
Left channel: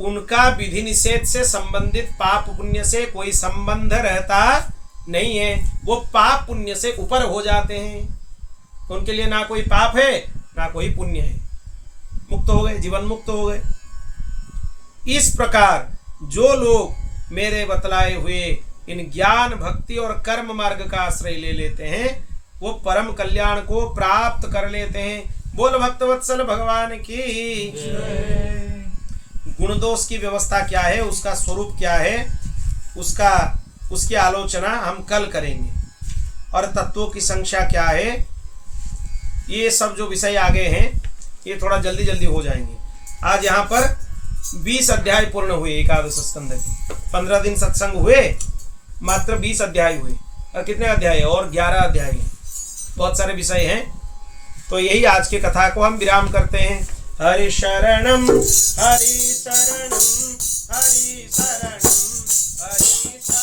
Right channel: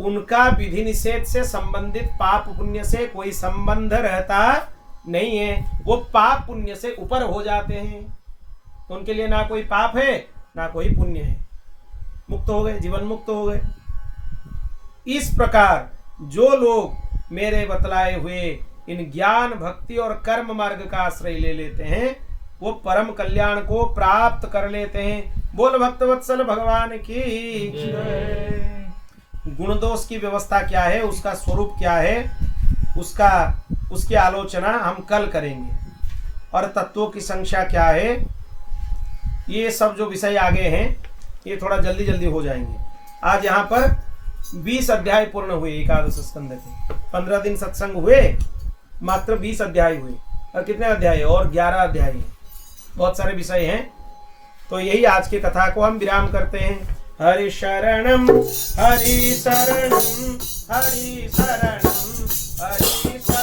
उनका विधि निषेध से संबंधित पाप पुण्य से कोई संबंध रहता नहीं है। वो पाप पुण्य से ऊपर हो जाते हैं, उनके लिए ना कोई पाप है ना कोई पुण्य है, मुक्त हो गए, जीवन मुक्त हो गए। इस प्रकार जो लोग मेरे बतलाए हुए इन ज्ञान भक्ति और कर्म मार्ग का आश्रय ले लेते हैं, वो परम कल्याण को प्राप्त कर लेते हैं। बोल भक्तवत्सल भगवान की। गुण दोष की व्यवस्था क्या है, उसका स्वरूप क्या है, उसकी आलोचना हम कल करेंगे, और तत्वों की संख्या क्या है, ये सब जो विषय आगे हैं ये थोड़ा जल्दी जल्दी हो जाएंगे। आज यहाँ पर 20 अध्याय पूर्ण हुए एकादश स्कंद के। 15 दिन सत्संग हुए, मात्र 20 अध्याय हुए। और कितने अध्याय है? और 11 अध्याय हैं, बहुत सारे विषय हैं। तो यही आज की कथा को हम विराम करते हैं। हरि शरणम हरि शरणम हरि शरणम हरि शरणम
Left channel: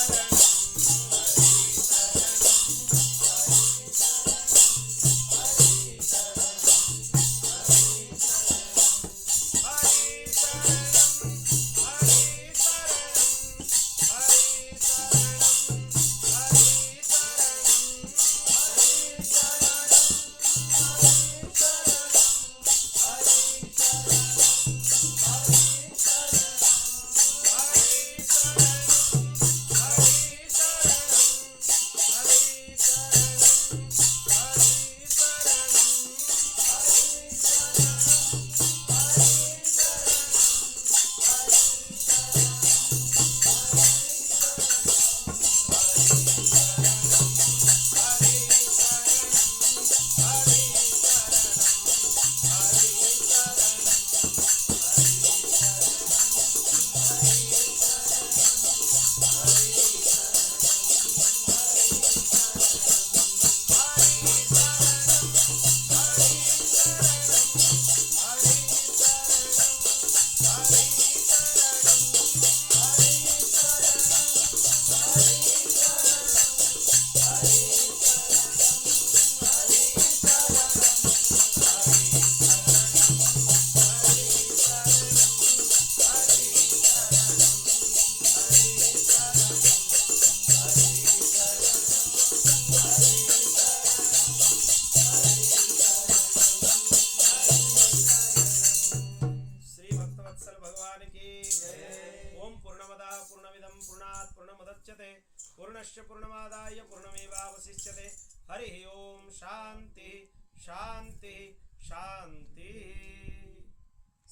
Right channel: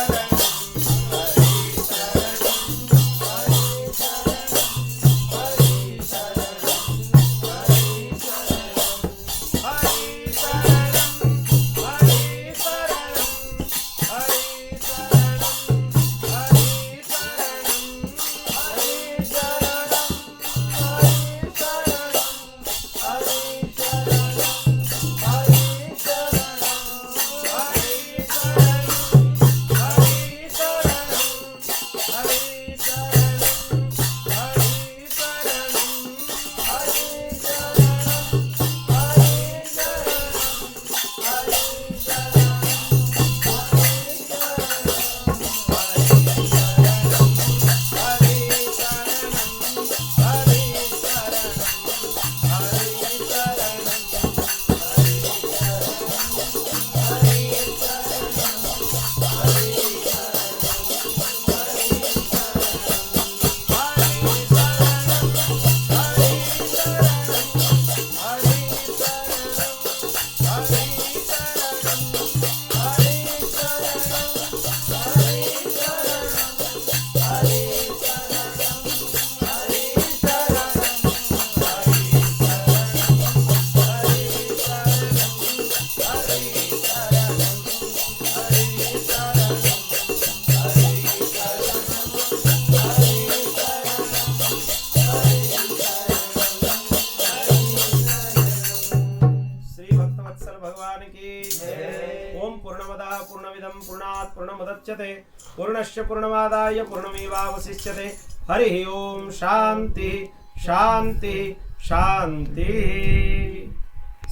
पूर्णमुदच्यते पूर्णस्य पूर्णमादाय पूर्णमेवावशिष्यते। हरि ओम शांति शांति शांति।